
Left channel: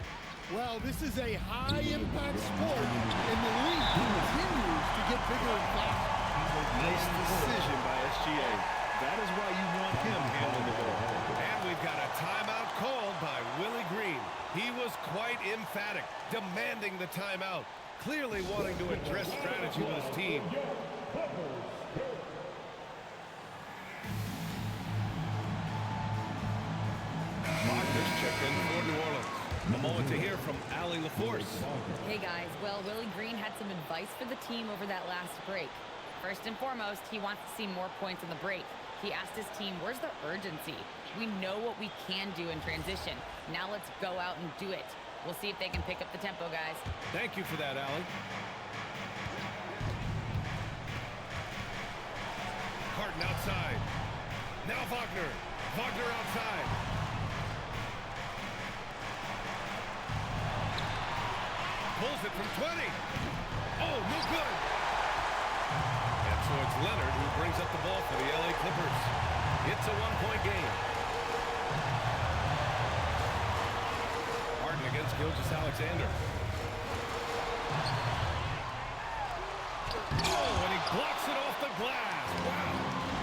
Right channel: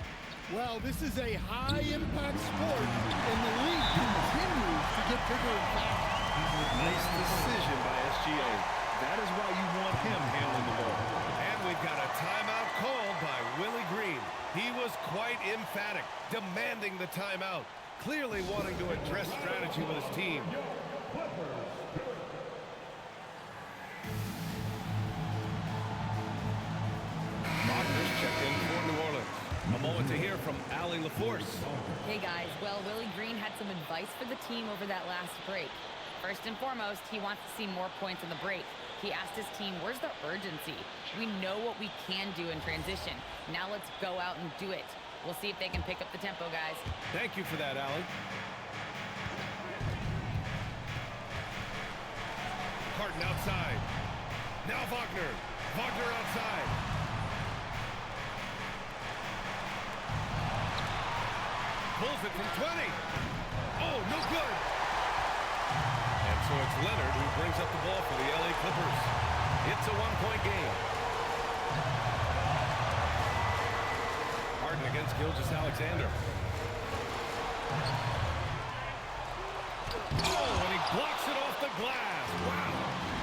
Well, this is a high-impact sport, and the league continues to get bigger and faster. Nice decision by SGA. That is why you want him handling the ball. And we've got a timeout called by Willie Green. He was quite emphatic, demanding the timeout, clearly wanting to address strategy with his team. Wagner's checked in for New Orleans. A moment to hear from Allie LaForce. Hey guys, well, Willie Green had some advice for the team over that last break. First and foremost, he wants to see more points on the break. He asked his team, where's the urgency? We know what we can do in transition. Now let's go out and do it. We'll see if they can pick up the tempo, guys. Thank you for that, Allie. Harden outside. Now Wagner. Wagner outside. Pulls it from 20. Oh, no good. And so it's Leonard who brings up the ball for the LA Clippers. It's a one-point game. Harden against Gilgeous-Alexander. Oh, and he blocks it off the glass. Wow.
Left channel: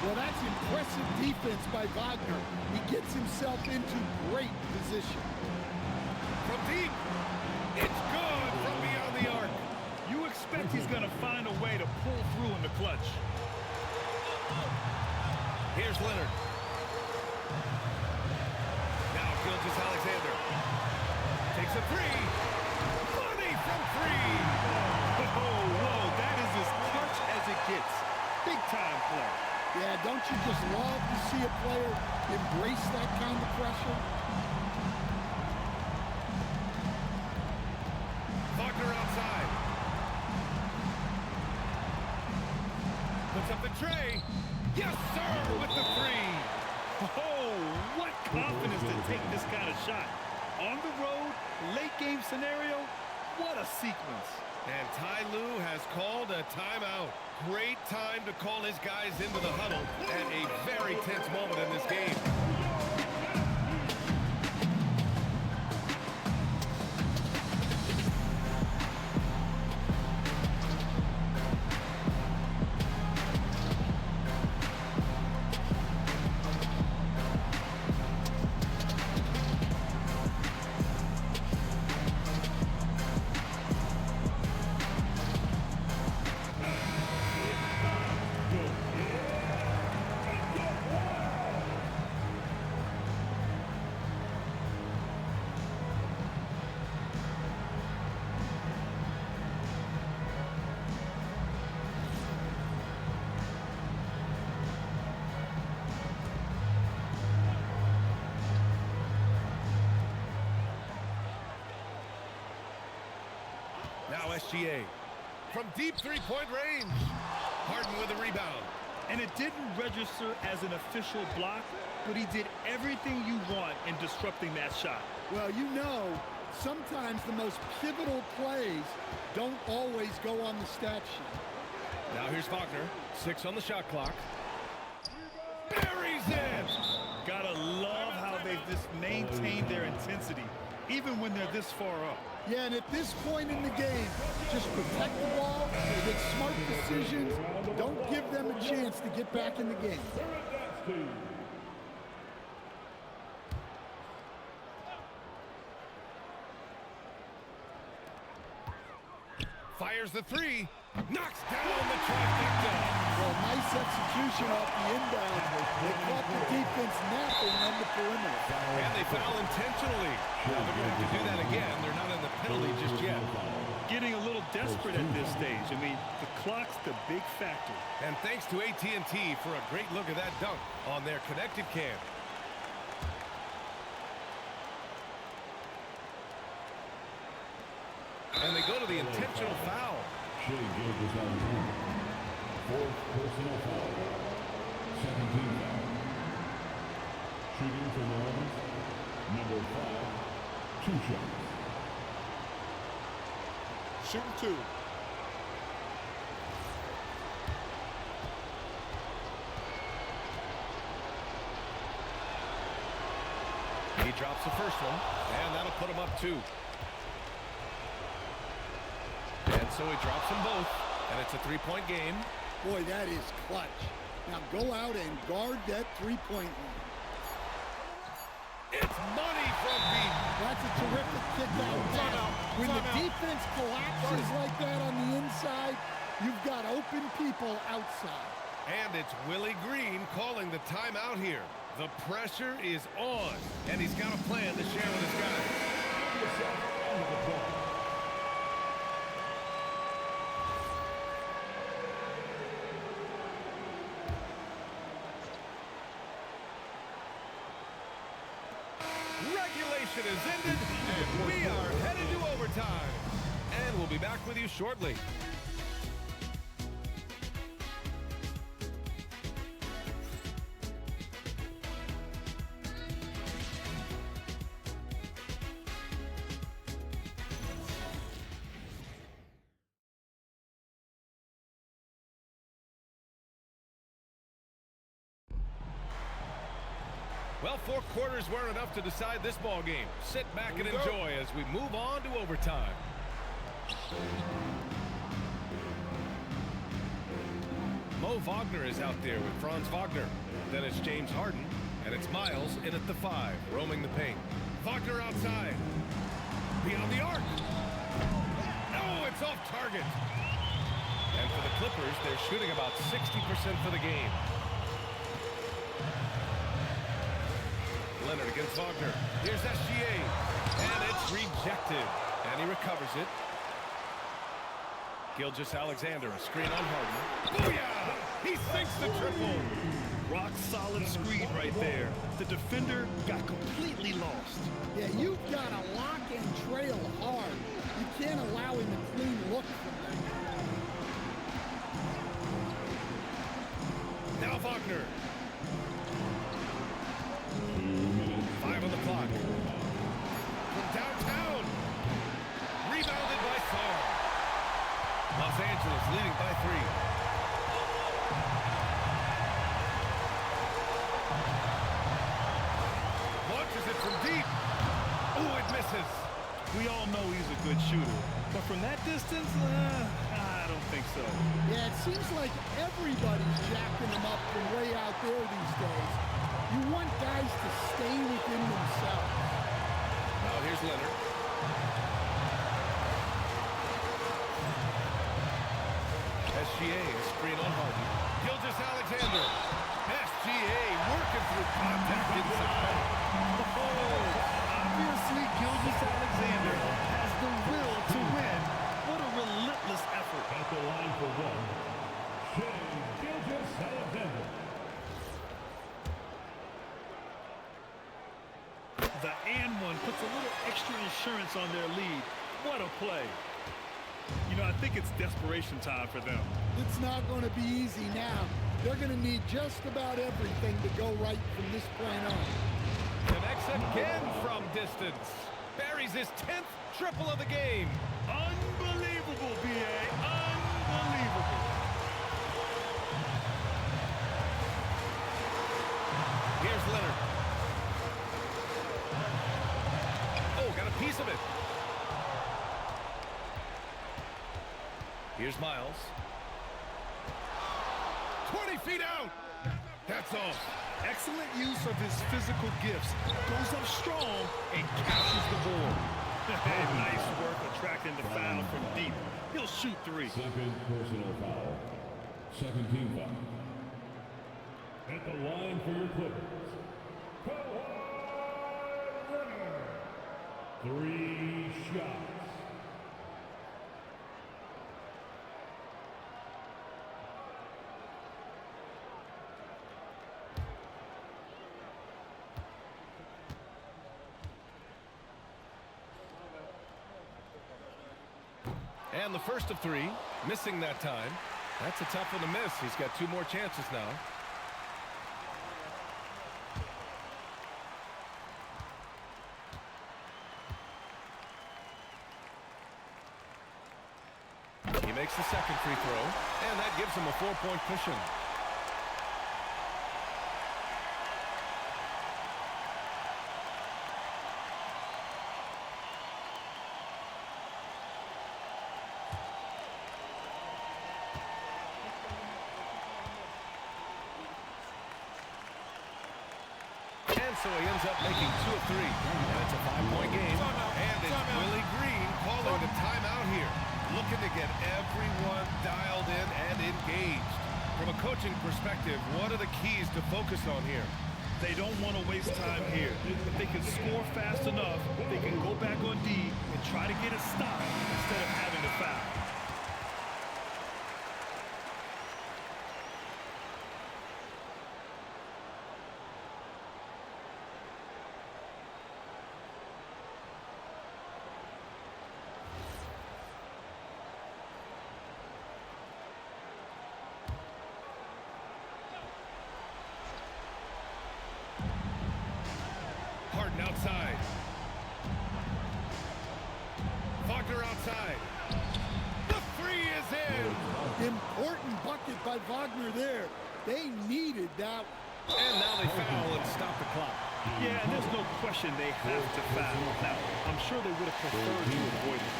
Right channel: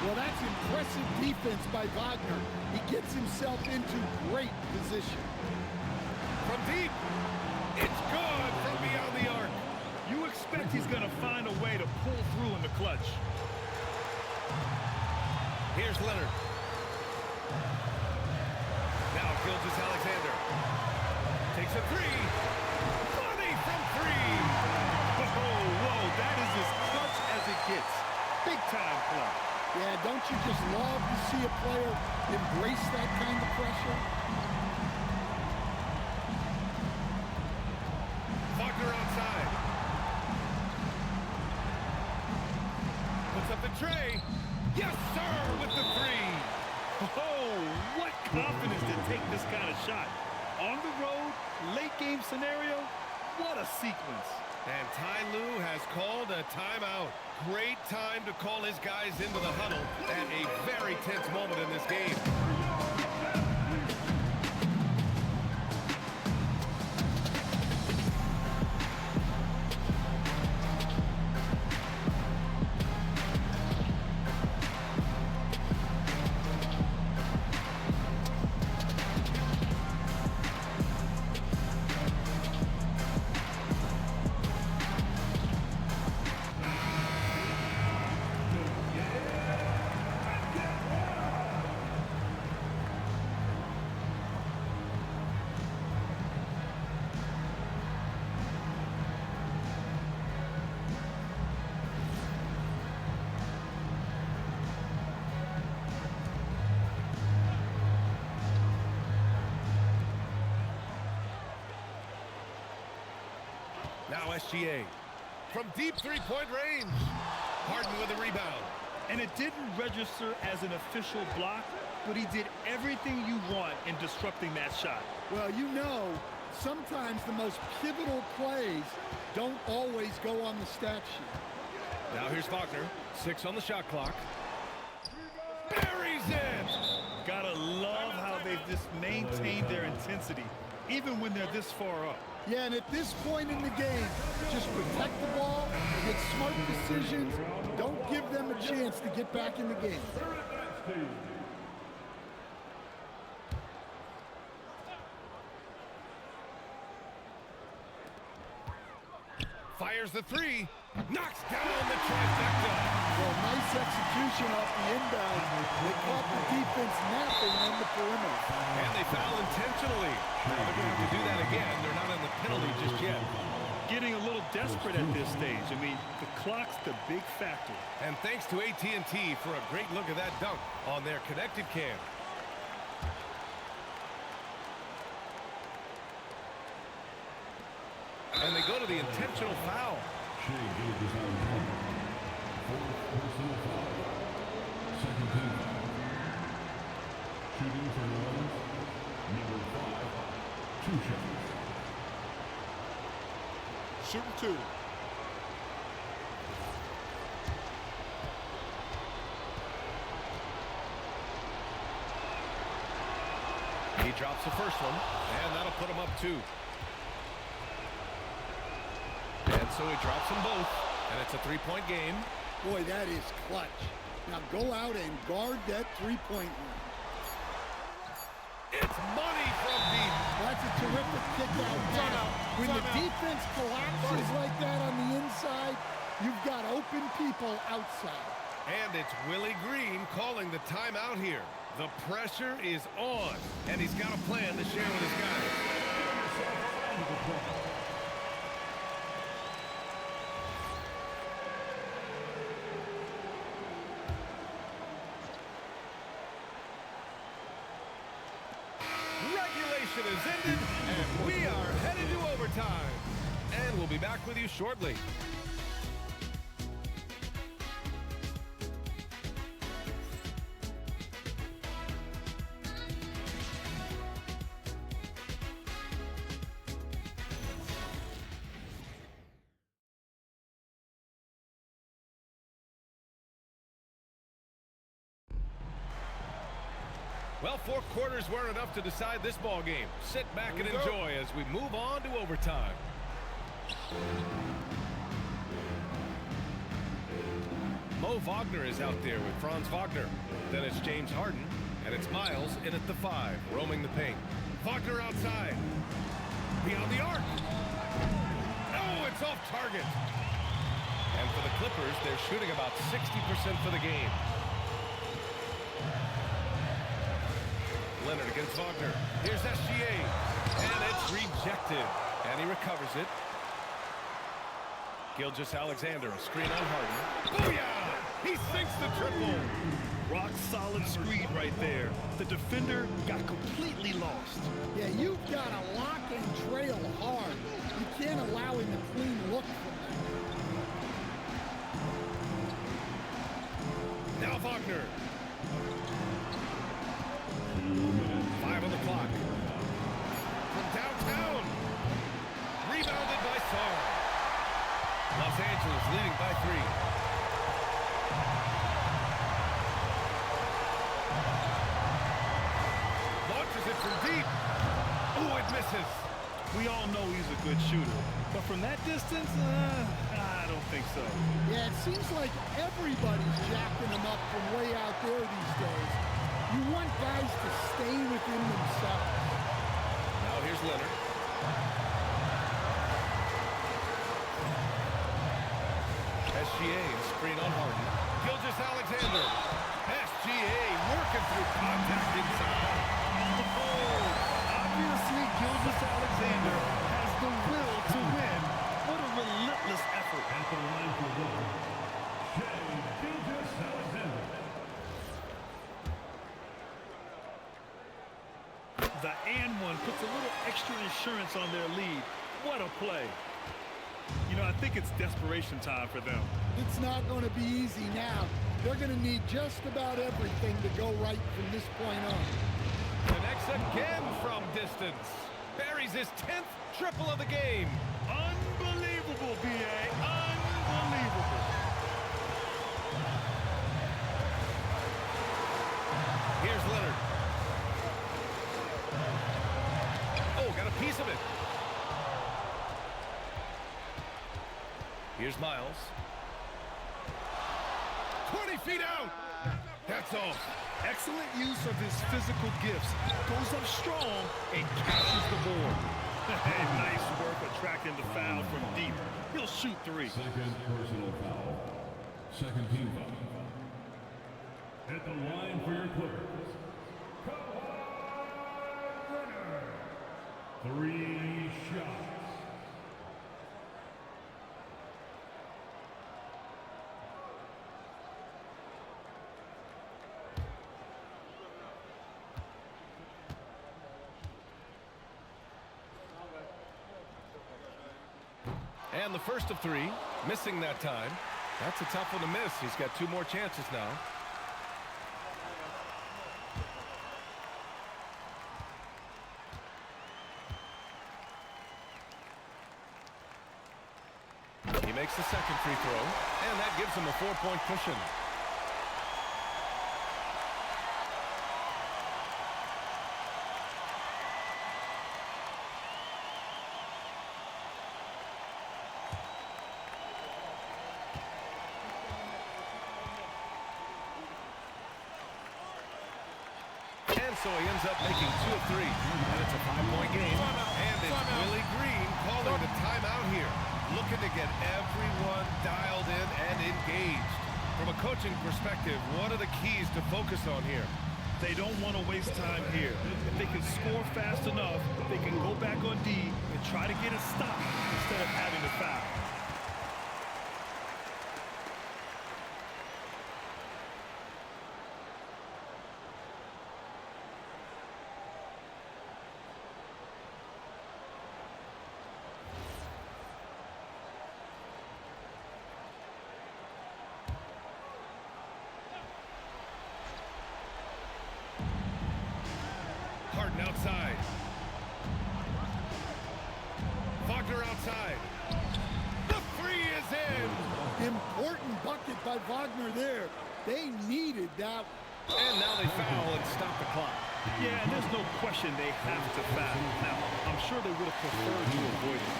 Well, that's impressive defense by Wagner. He gets himself into great position. From deep. It's good from beyond the arc. You expect he's going to find a way to pull through in the clutch. Here's Leonard. Now Gilgeous-Alexander takes a 3. Money from 3. Whoa, that is as clutch as it gets. Big time play. Yeah, don't you just love to see a player embrace that kind of pressure? Wagner outside. Puts up the tray. Yes, sir, with the 3. Oh, what confidence to take this kind of shot. On the road, late game scenario, what a sequence. And Ty Lue has called a timeout. Great time to call his guys into the huddle at a very tense moment in this game. SGA. From deep three-point range. Harden with a rebound. And it didn't register as an official block, but he did everything you want in disrupting that shot. Well, you know, sometimes the most pivotal plays don't always go on the stat sheet. Now here's Wagner. 6 on the shot clock. Buries it! Gotta love how they've just maintained their intensity, even when they're this far up. Yeah, and at this point in the game, just protect the ball, make smart decisions, don't give them a chance to get back in the game. Fires the three. Knocks down the trifecta. Well, nice execution off the inbound. They caught the defense napping on the perimeter. And they foul intentionally. Now they're going to have to do that again. They're not in the penalty just yet. Getting a little desperate at this stage. I mean, the clock's the big factor. And thanks to AT&T for a great look at that dunk on their connected cam. And they go to the intentional foul. Shea Gilgeous Alexander. 4th personal foul. 2nd team foul. Shooting for the Lions, number 5, 2 shots. Shooting 2. He drops the first one, and that'll put him up 2. And so he drops them both, and it's a 3-point game. Boy, that is clutch. Now go out and guard that three-point line. It's money from deep. That's a terrific kick-out pass. When the defense collapses like that on the inside, you've got open people outside. And it's Willie Green calling the timeout here. The pressure is on, and he's got a plan to share with his guys. Regulation is ended, and we are headed to overtime. And we'll be back with you shortly. Well, 4 quarters weren't enough to decide this ball game. Sit back and enjoy as we move on to overtime. Mo Wagner is out there with Franz Wagner. Then it's James Harden, and it's Miles in at the 5, roaming the paint. Wagner outside. Beyond the arc. Oh, it's off target. And for the Clippers, they're shooting about 60% for the game. Leonard against Wagner. Here's SGA. And it's rejected. And he recovers it. Gilgeous Alexander, a screen on Harden. Booyah! He sinks the triple. Rock solid screen right there. The defender got completely lost. Yeah, you've got to lock and trail hard. You can't allow him a clean look from there. Now Wagner. 5 on the clock. From downtown. Rebounded by Sarr. Los Angeles leading by 3. Launches it from deep. Oh, it misses. We all know he's a good shooter, but from that distance, I don't think so. Yeah, it seems like everybody's jacking him up from way out there these days. You want guys to stay within themselves. Now here's Leonard. SGA, a screen on Harden. Gilgeous Alexander. SGA working through contact inside. Oh, obviously Gilgeous Alexander has the will to win. What a relentless effort. At the line for 1, Shea Gilgeous Alexander. The and one puts a little extra insurance on their lead. What a play. You I think it's desperation time for them. It's not going to be easy now. They're going to need just about everything to go right from this point on. Connects again from distance. Buries his 10th triple of the game. Unbelievable, B.A. Unbelievable. Here's Leonard. Oh, got a piece of it. Here's Miles. 20 feet out. That's all. Excellent use of his physical gifts. Goes up strong and captures the board. Hey, nice work attracting the foul from deep. He'll shoot three. Second personal foul. Second team foul. At the line for your Clippers, Kawhi Leonard. 3 shots. And the first of 3, missing that time. That's a tough one to miss. He's got 2 more chances now. He makes the second free throw, and that gives him a 4-point cushion. And so he ends up making 2 of 3, and it's a 5-point game. And it's Willie Green calling the timeout here, looking to get everyone dialed in and engaged. From a coaching perspective, what are the keys to focus on here? They don't want to waste time here. If they can score fast enough, they can go back on D and try to get a stop instead of having to foul. Harden outside. Wagner outside. The 3 is in. Important bucket by Wagner there. They needed that one. And now they foul and stop the clock. Yeah, and there's no question they have to foul. Now, I'm sure they would have preferred to avoid it.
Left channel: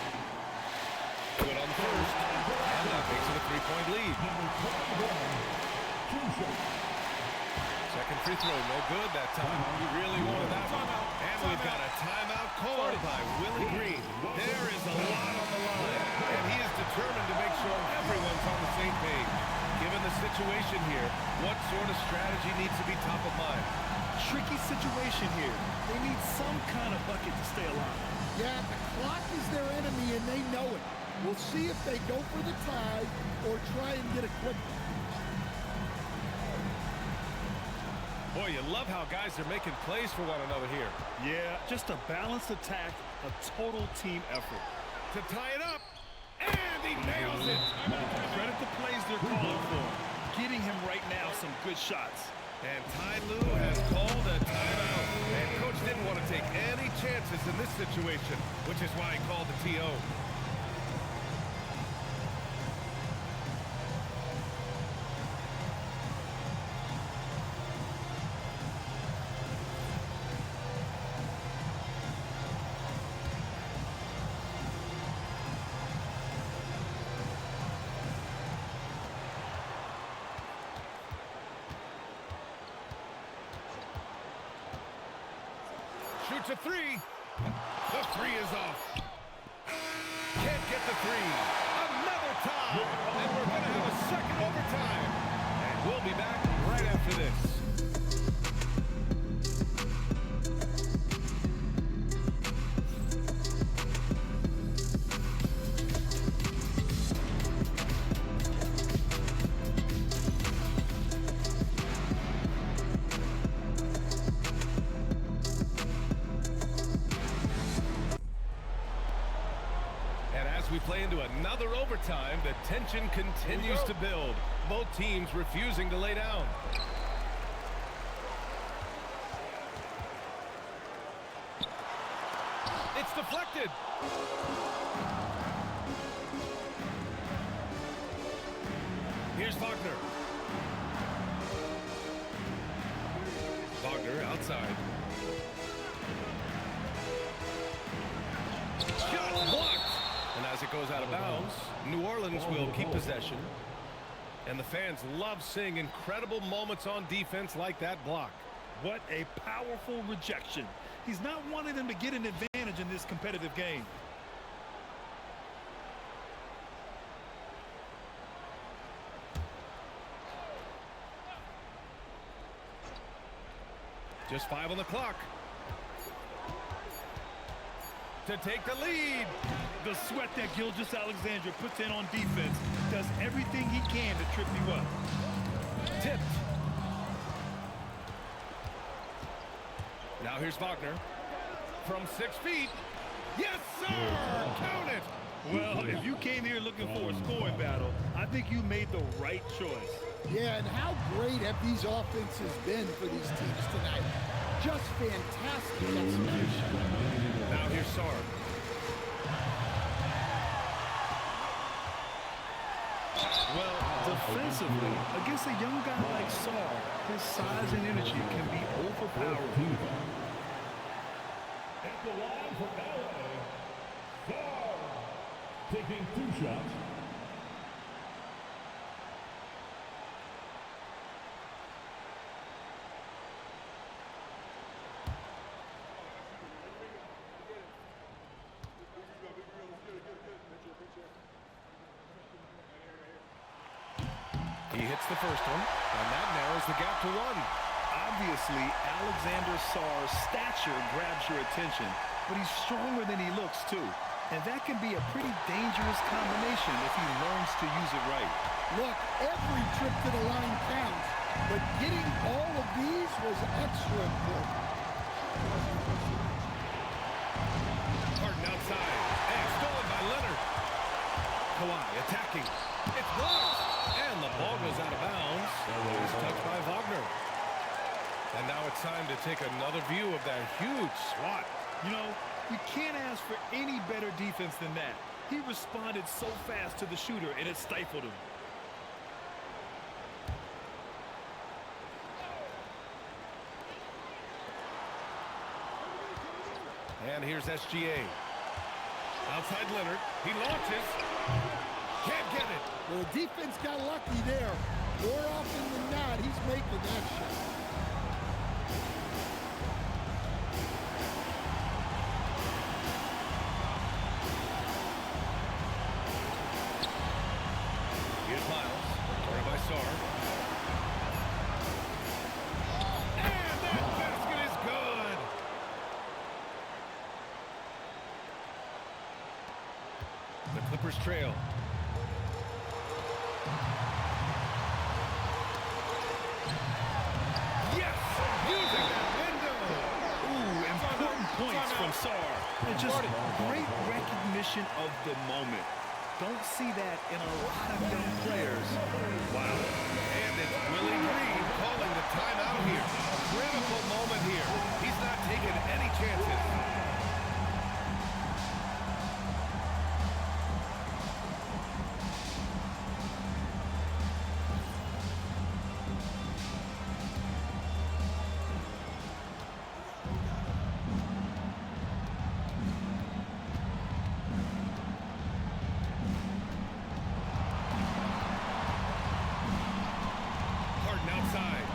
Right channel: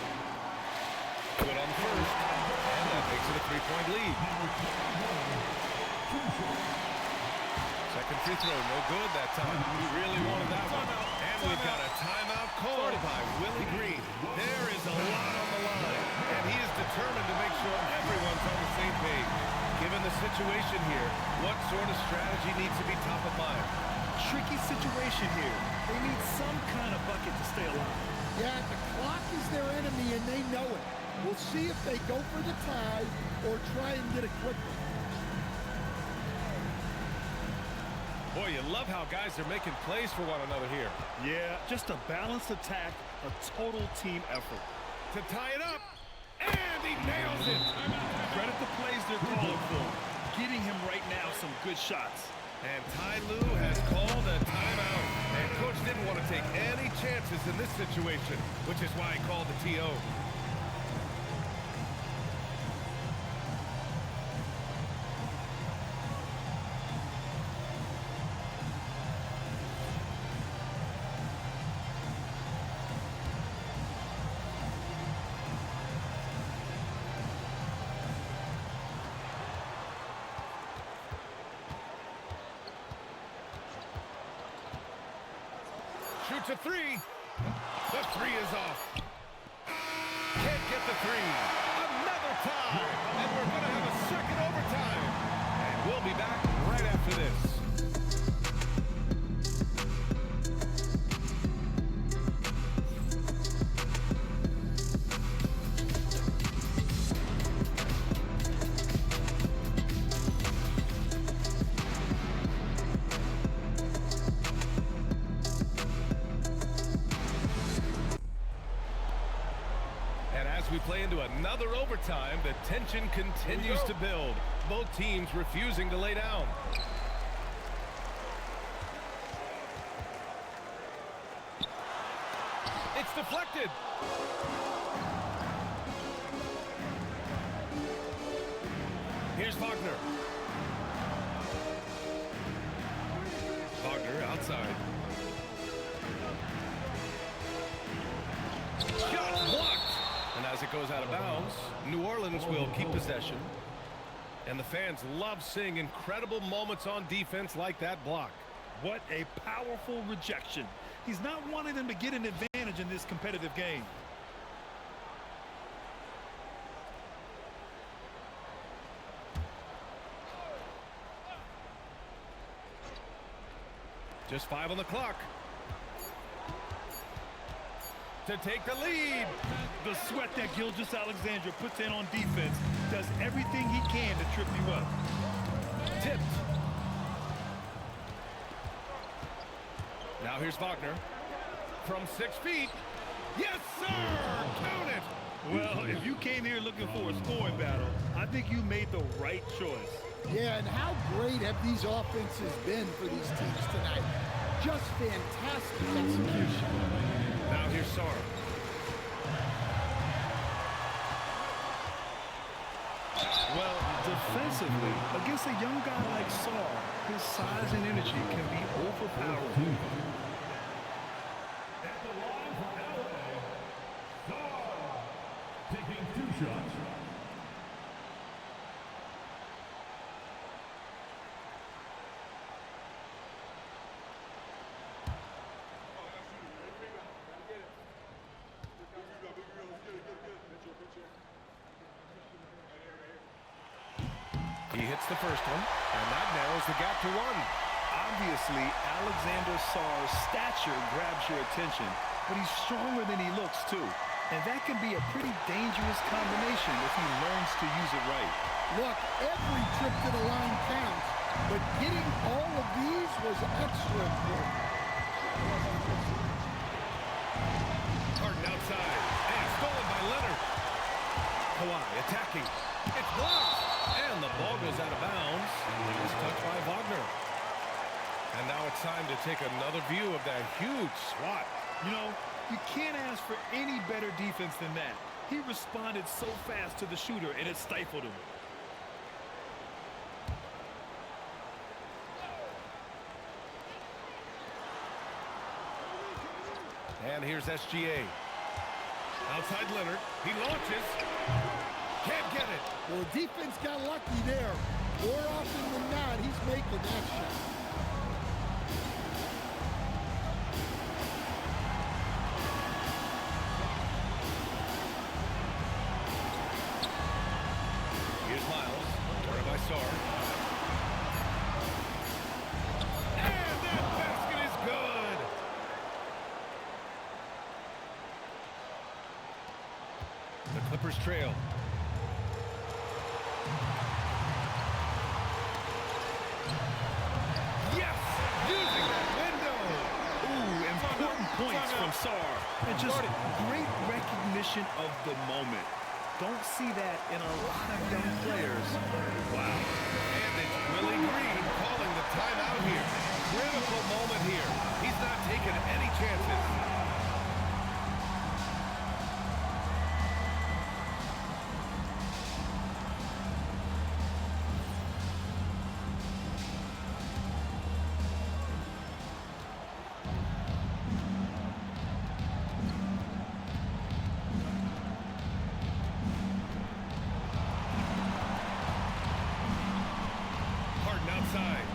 Good on the first. And that makes it a 3-point lead. Second free throw, no good that time. He really wanted that one. And we've got a timeout called by Willie Green. There is a lot on the line, and he is determined to make sure everyone's on the same page. Given the situation here, what sort of strategy needs to be top of mind? Tricky situation here. They need some kind of bucket to stay alive. Yeah, the clock is their enemy, and they know it. We'll see if they go for the tie or try and get a quick one. Boy, you love how guys are making plays for one another here. Yeah, just a balanced attack, a total team effort. To tie it up, and he nails it. Credit the plays they're calling for. Getting him right now some good shots. And Ty Lue has called a timeout. And Coach didn't want to take any chances in this situation, which is why he called the TO. Shoots a 3. The 3 is off. Can't get the 3. Another tie. And we're going to have a second overtime. And we'll be back right after this. play into another overtime. The tension continues to build. Both teams refusing to lay down. It's deflected. Here's Wagner. Wagner outside. Shot blocked. And as it goes out of bounds, New Orleans will keep possession. And the fans love seeing incredible moments on defense like that block. What a powerful rejection. He's not wanting them to get an advantage in this competitive game. Just 5 on the clock. To take the lead. The sweat that Gilgeous-Alexander puts in on defense does everything he can to trip you up. Tipped. Now here's Wagner. From 6 feet. Yes, sir! Count it! Well, if you came here looking for a scoring battle, I think you made the right choice. Yeah, and how great have these offenses been for these teams tonight? Just fantastic execution. Now here's Sarr. Well, defensively, against a young guy like Sarr, his size and energy can be overpowering. At the line for LA, Sarr taking 2 shots. He hits the first one, and that narrows the gap to 1. Obviously, Alexander Sarr's stature grabs your attention, but he's stronger than he looks, too. And that can be a pretty dangerous combination if he learns to use it right. Look, every trip to the line counts, but getting all of these was extra important. Harden outside, and stolen by Leonard. Kawhi attacking. It's blocked, and the ball goes out of bounds. Last touch by Wagner. And now it's time to take another view of that huge swat. You know, you can't ask for any better defense than that. He responded so fast to the shooter, and it stifled him. And here's SGA. Outside Leonard. He launches. Can't get it. Well, the defense got lucky there. More often than not, he's making that shot. Here's Miles. Guarded by Sarr. And that basket is good. The Clippers trail. Yes! Using that window! Ooh, important points from Sarr. And just great recognition of the moment. Don't see that in a lot of young players. Wow. And it's Willie Green calling the timeout here. Critical moment here. He's not taking any chances. Outside.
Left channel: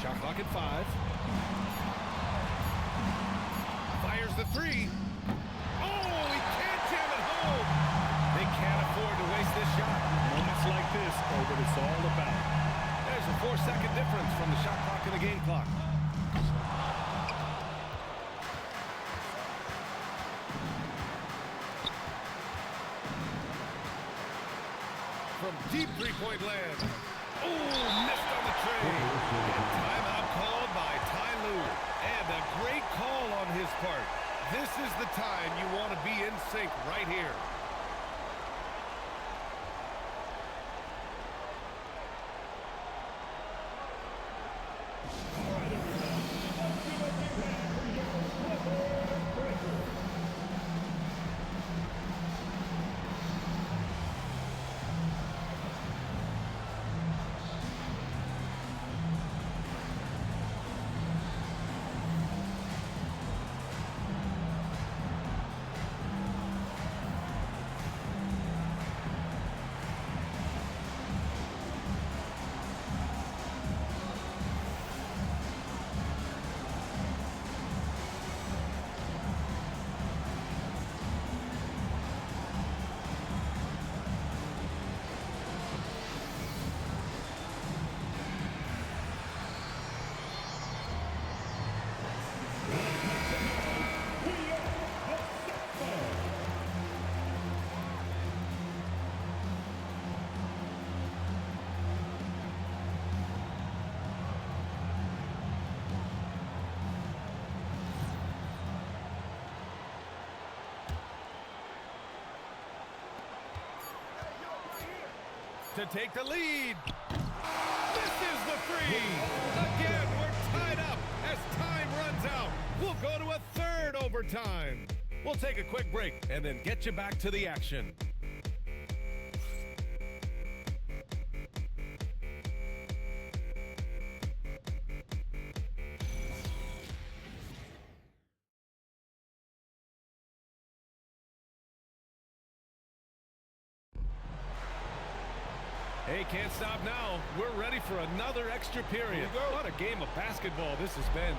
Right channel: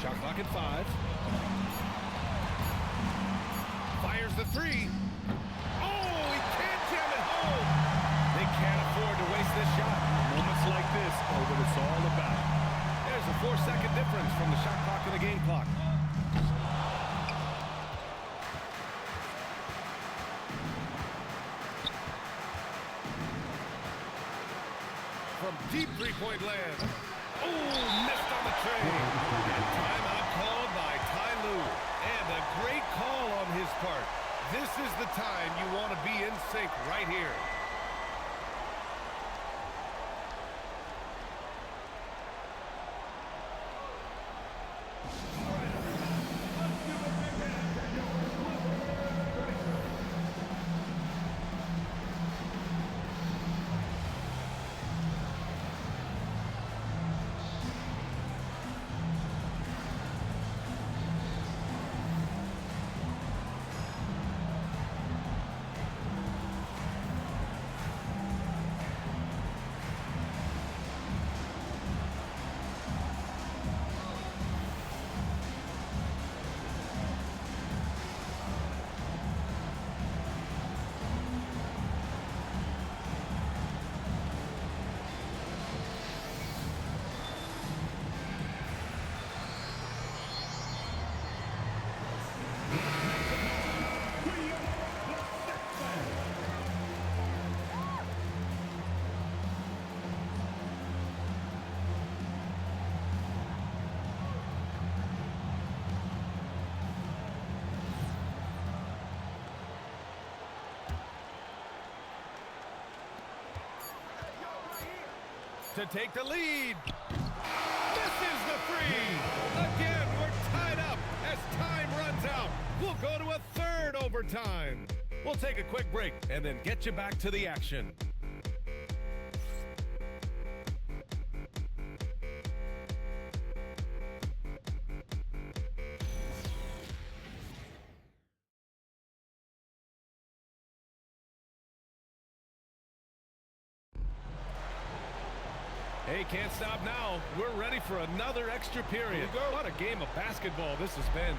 Shot clock at 5. Fires the 3. Oh, he can't jam it home. They can't afford to waste this shot. Moments like this are what it's all about. There's a 4-second difference from the shot clock and the game clock. From deep three-point land. Oh, missed on the tray. And timeout called by Ty Lue. And a great call on his part. This is the time you want to be in sync right here. To take the lead. Misses the three. Again, we're tied up as time runs out. We'll go to a third overtime. We'll take a quick break and then get you back to the action. Hey, can't stop now. We're ready for another extra period. What a game of basketball this has been.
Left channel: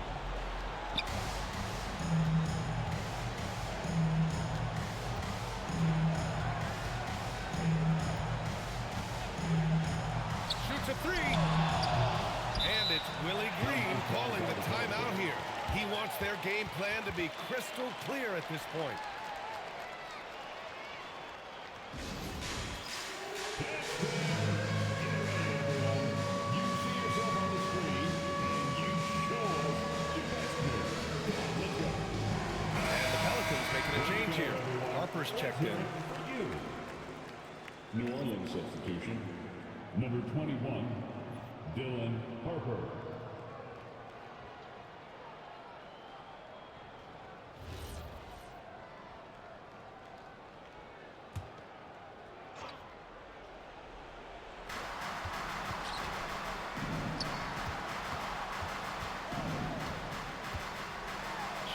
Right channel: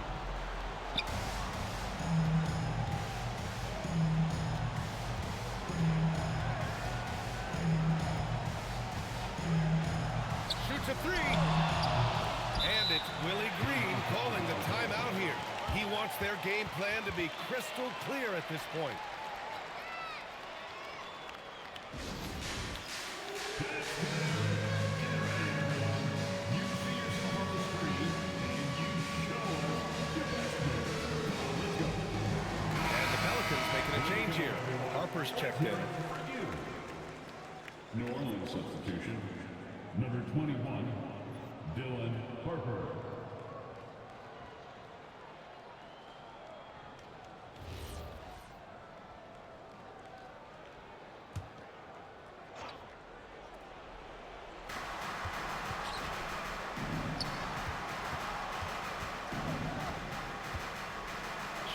Shoots a three. And it's Willie Green calling the timeout here. He wants their game plan to be crystal clear at this point. Pelicans making a change here. Harper's checked in. New Orleans substitution, number 21, Dylan Harper.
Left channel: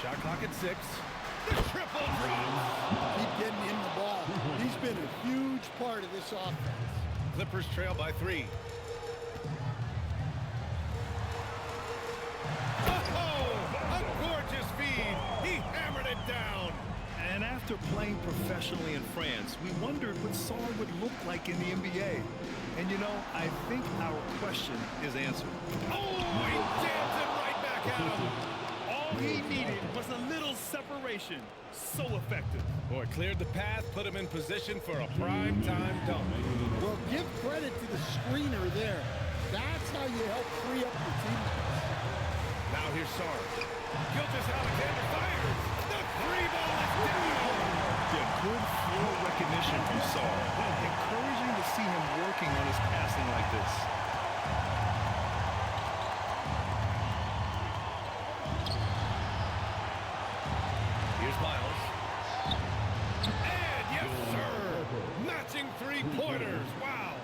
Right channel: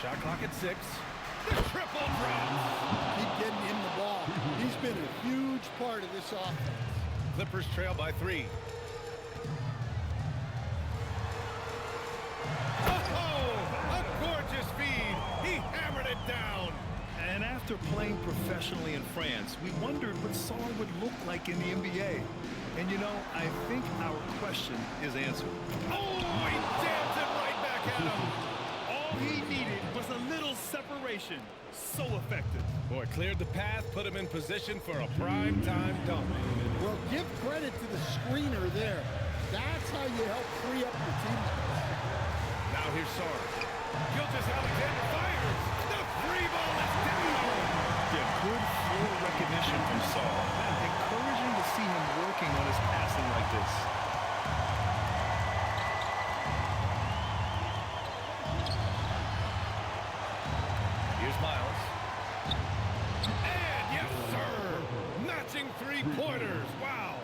Shot clock at 6. The triple drop. Keep getting him the ball. He's been a huge part of this offense. Clippers trail by 3. Oh, a gorgeous feed. He hammered it down. And after playing professionally in France, we wondered what Saul would look like in the NBA. And you know, I think our question is answered. Oh, he jams it right back at him. All he needed was a little separation. So effective. Boy, cleared the path, put him in position for a prime-time dunk. Well, give credit to the screener there. That's how you help free up your teammates. Now here's Sarge. Gilgeous-Alexander fires. The free ball is down. Yeah, good floor recognition from Saul. Encouraging to see him working on his passing like this. Here's Miles. And yes, sir! Matching three-pointers. Wow.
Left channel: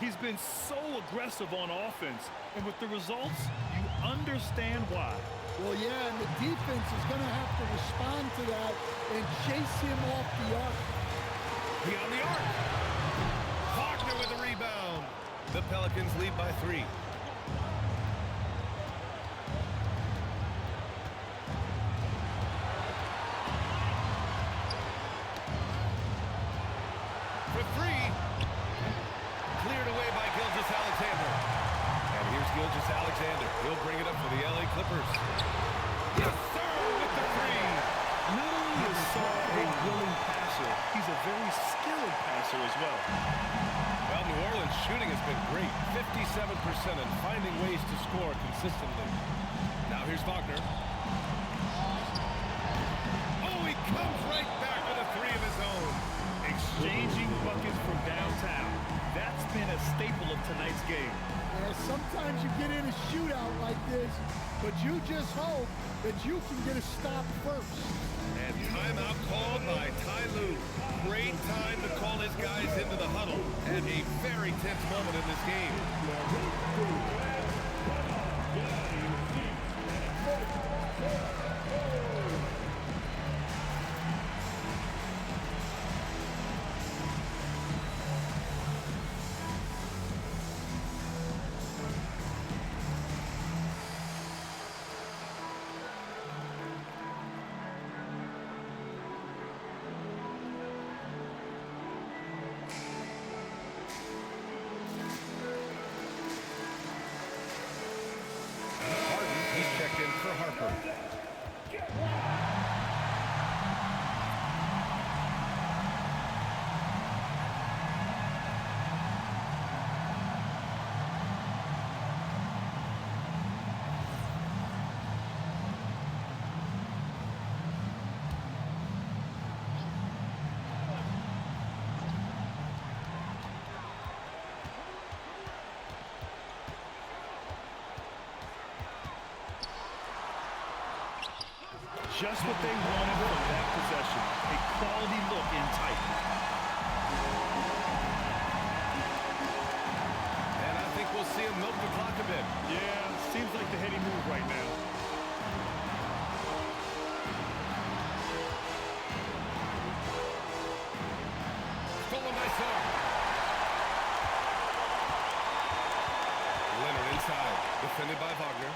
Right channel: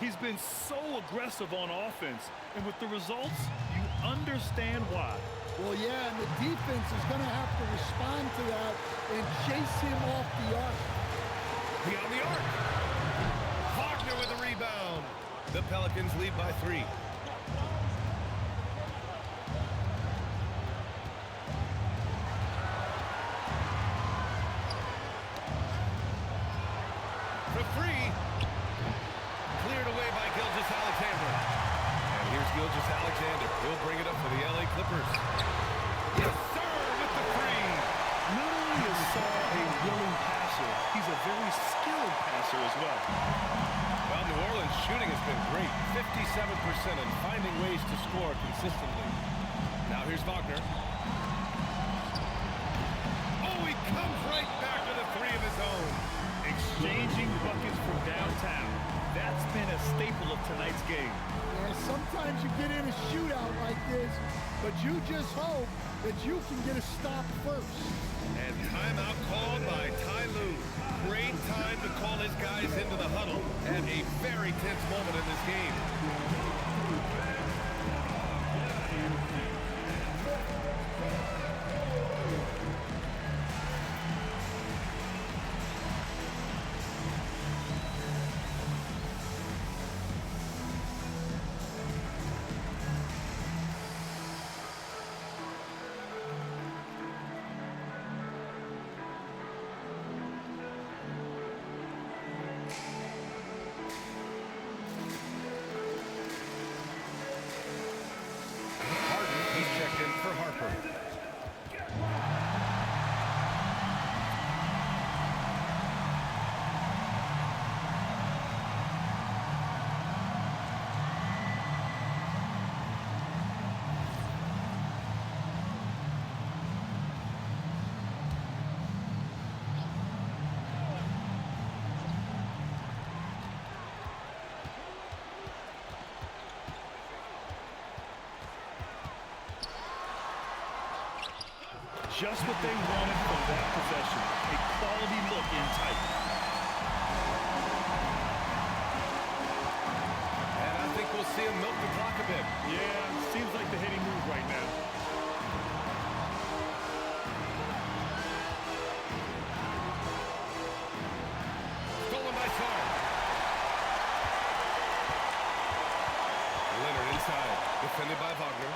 He's been so aggressive on offense, and with the results, you understand why. Well, yeah, and the defense is going to have to respond to that and chase him off the arc. Beyond the arc. Wagner with the rebound. The Pelicans lead by 3. For 3. Cleared away by Gilgeous-Alexander. And here's Gilgeous-Alexander. He'll bring it up for the LA Clippers. Yes, sir, with the 3. Not only is Saul a willing passer, he's a very skilled passer as well. Well, New Orleans shooting has been great. 57% and finding ways to score consistently. Now here's Wagner. Oh, he he comes right back with a three of his own. Exchanging buckets from downtown. That's been a staple of tonight's game. Yeah, sometimes you get in a shootout like this, but you just hope that you can get a stop first. And timeout called by Ty Lue. Great time to call his guys into the huddle at a very tense moment in this game. Checked in for Harper. Just what they wanted from that possession. A quality look in tight. And I think we'll see him milk the clock a bit. Yeah, seems like the heady move right now. Stolen by Sarr. Leonard inside, defended by Wagner.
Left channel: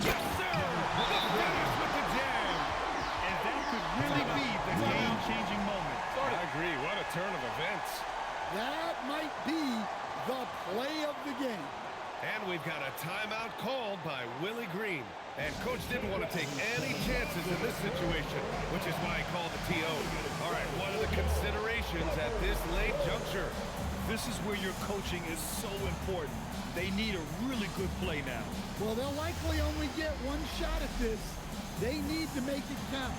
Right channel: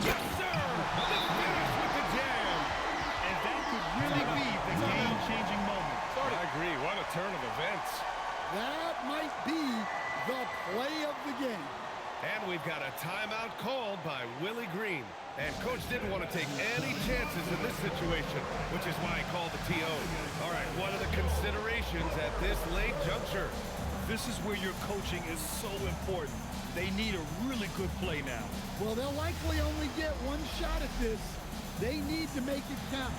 Yes, sir! The finish with the jam! And that could really be the game-changing moment. I agree. What a turn of events. That might be the play of the game. And we've got a timeout called by Willie Green. And Coach didn't want to take any chances in this situation, which is why he called the TO. All right, what are the considerations at this late juncture? This is where your coaching is so important. They need a really good play now. Well, they'll likely only get one shot at this. They need to make it count.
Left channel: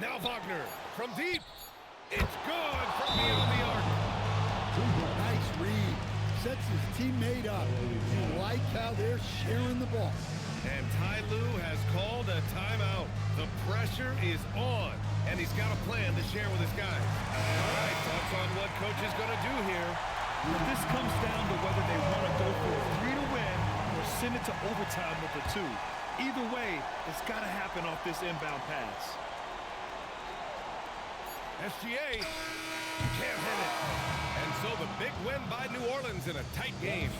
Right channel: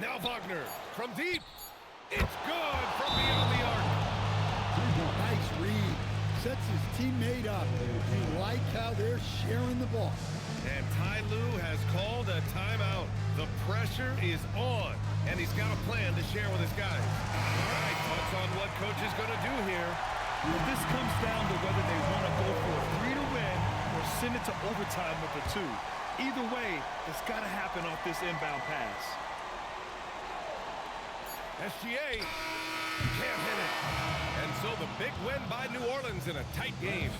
Now Wagner from deep. It's good from beyond the arc. Nice read. Sets his teammate up. You like how they're sharing the ball. And Ty Lue has called a timeout. The pressure is on, and he's got a plan to share with his guys. All right, thoughts on what Coach is going to do here? Well, this comes down to whether they want to go for a 3 to win or send it to overtime with a 2. Either way, it's got to happen off this inbound pass. SGA can't hit it. And so the big win by New Orleans in a tight game.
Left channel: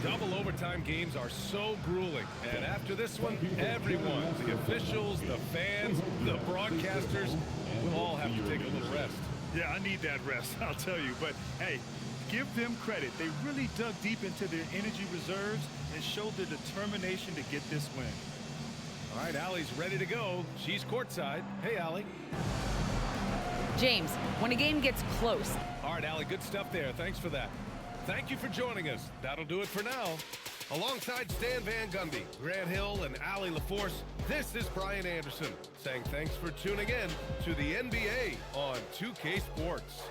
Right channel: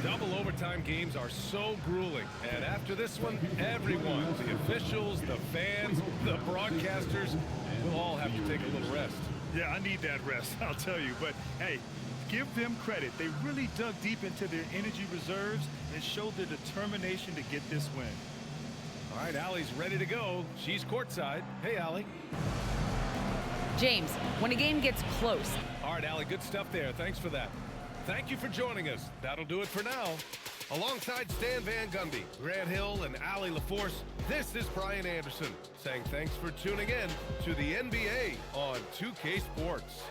Double overtime games are so grueling. And after this one, everyone, the officials, the fans, the broadcasters, will all have to take a little rest. Yeah, I need that rest, I'll tell you. But, hey, give them credit. They really dug deep into their energy reserves and showed their determination to get this win. All right, Allie's ready to go. She's courtside. Hey, Allie. James, when a game gets close. All right, Allie, good stuff there. Thanks for that. Thank you for joining us. That'll do it for now. Alongside Stan Van Gundy, Grant Hill, and Allie LaForce, this is Brian Anderson saying thanks for tuning in to the NBA on 2K Sports.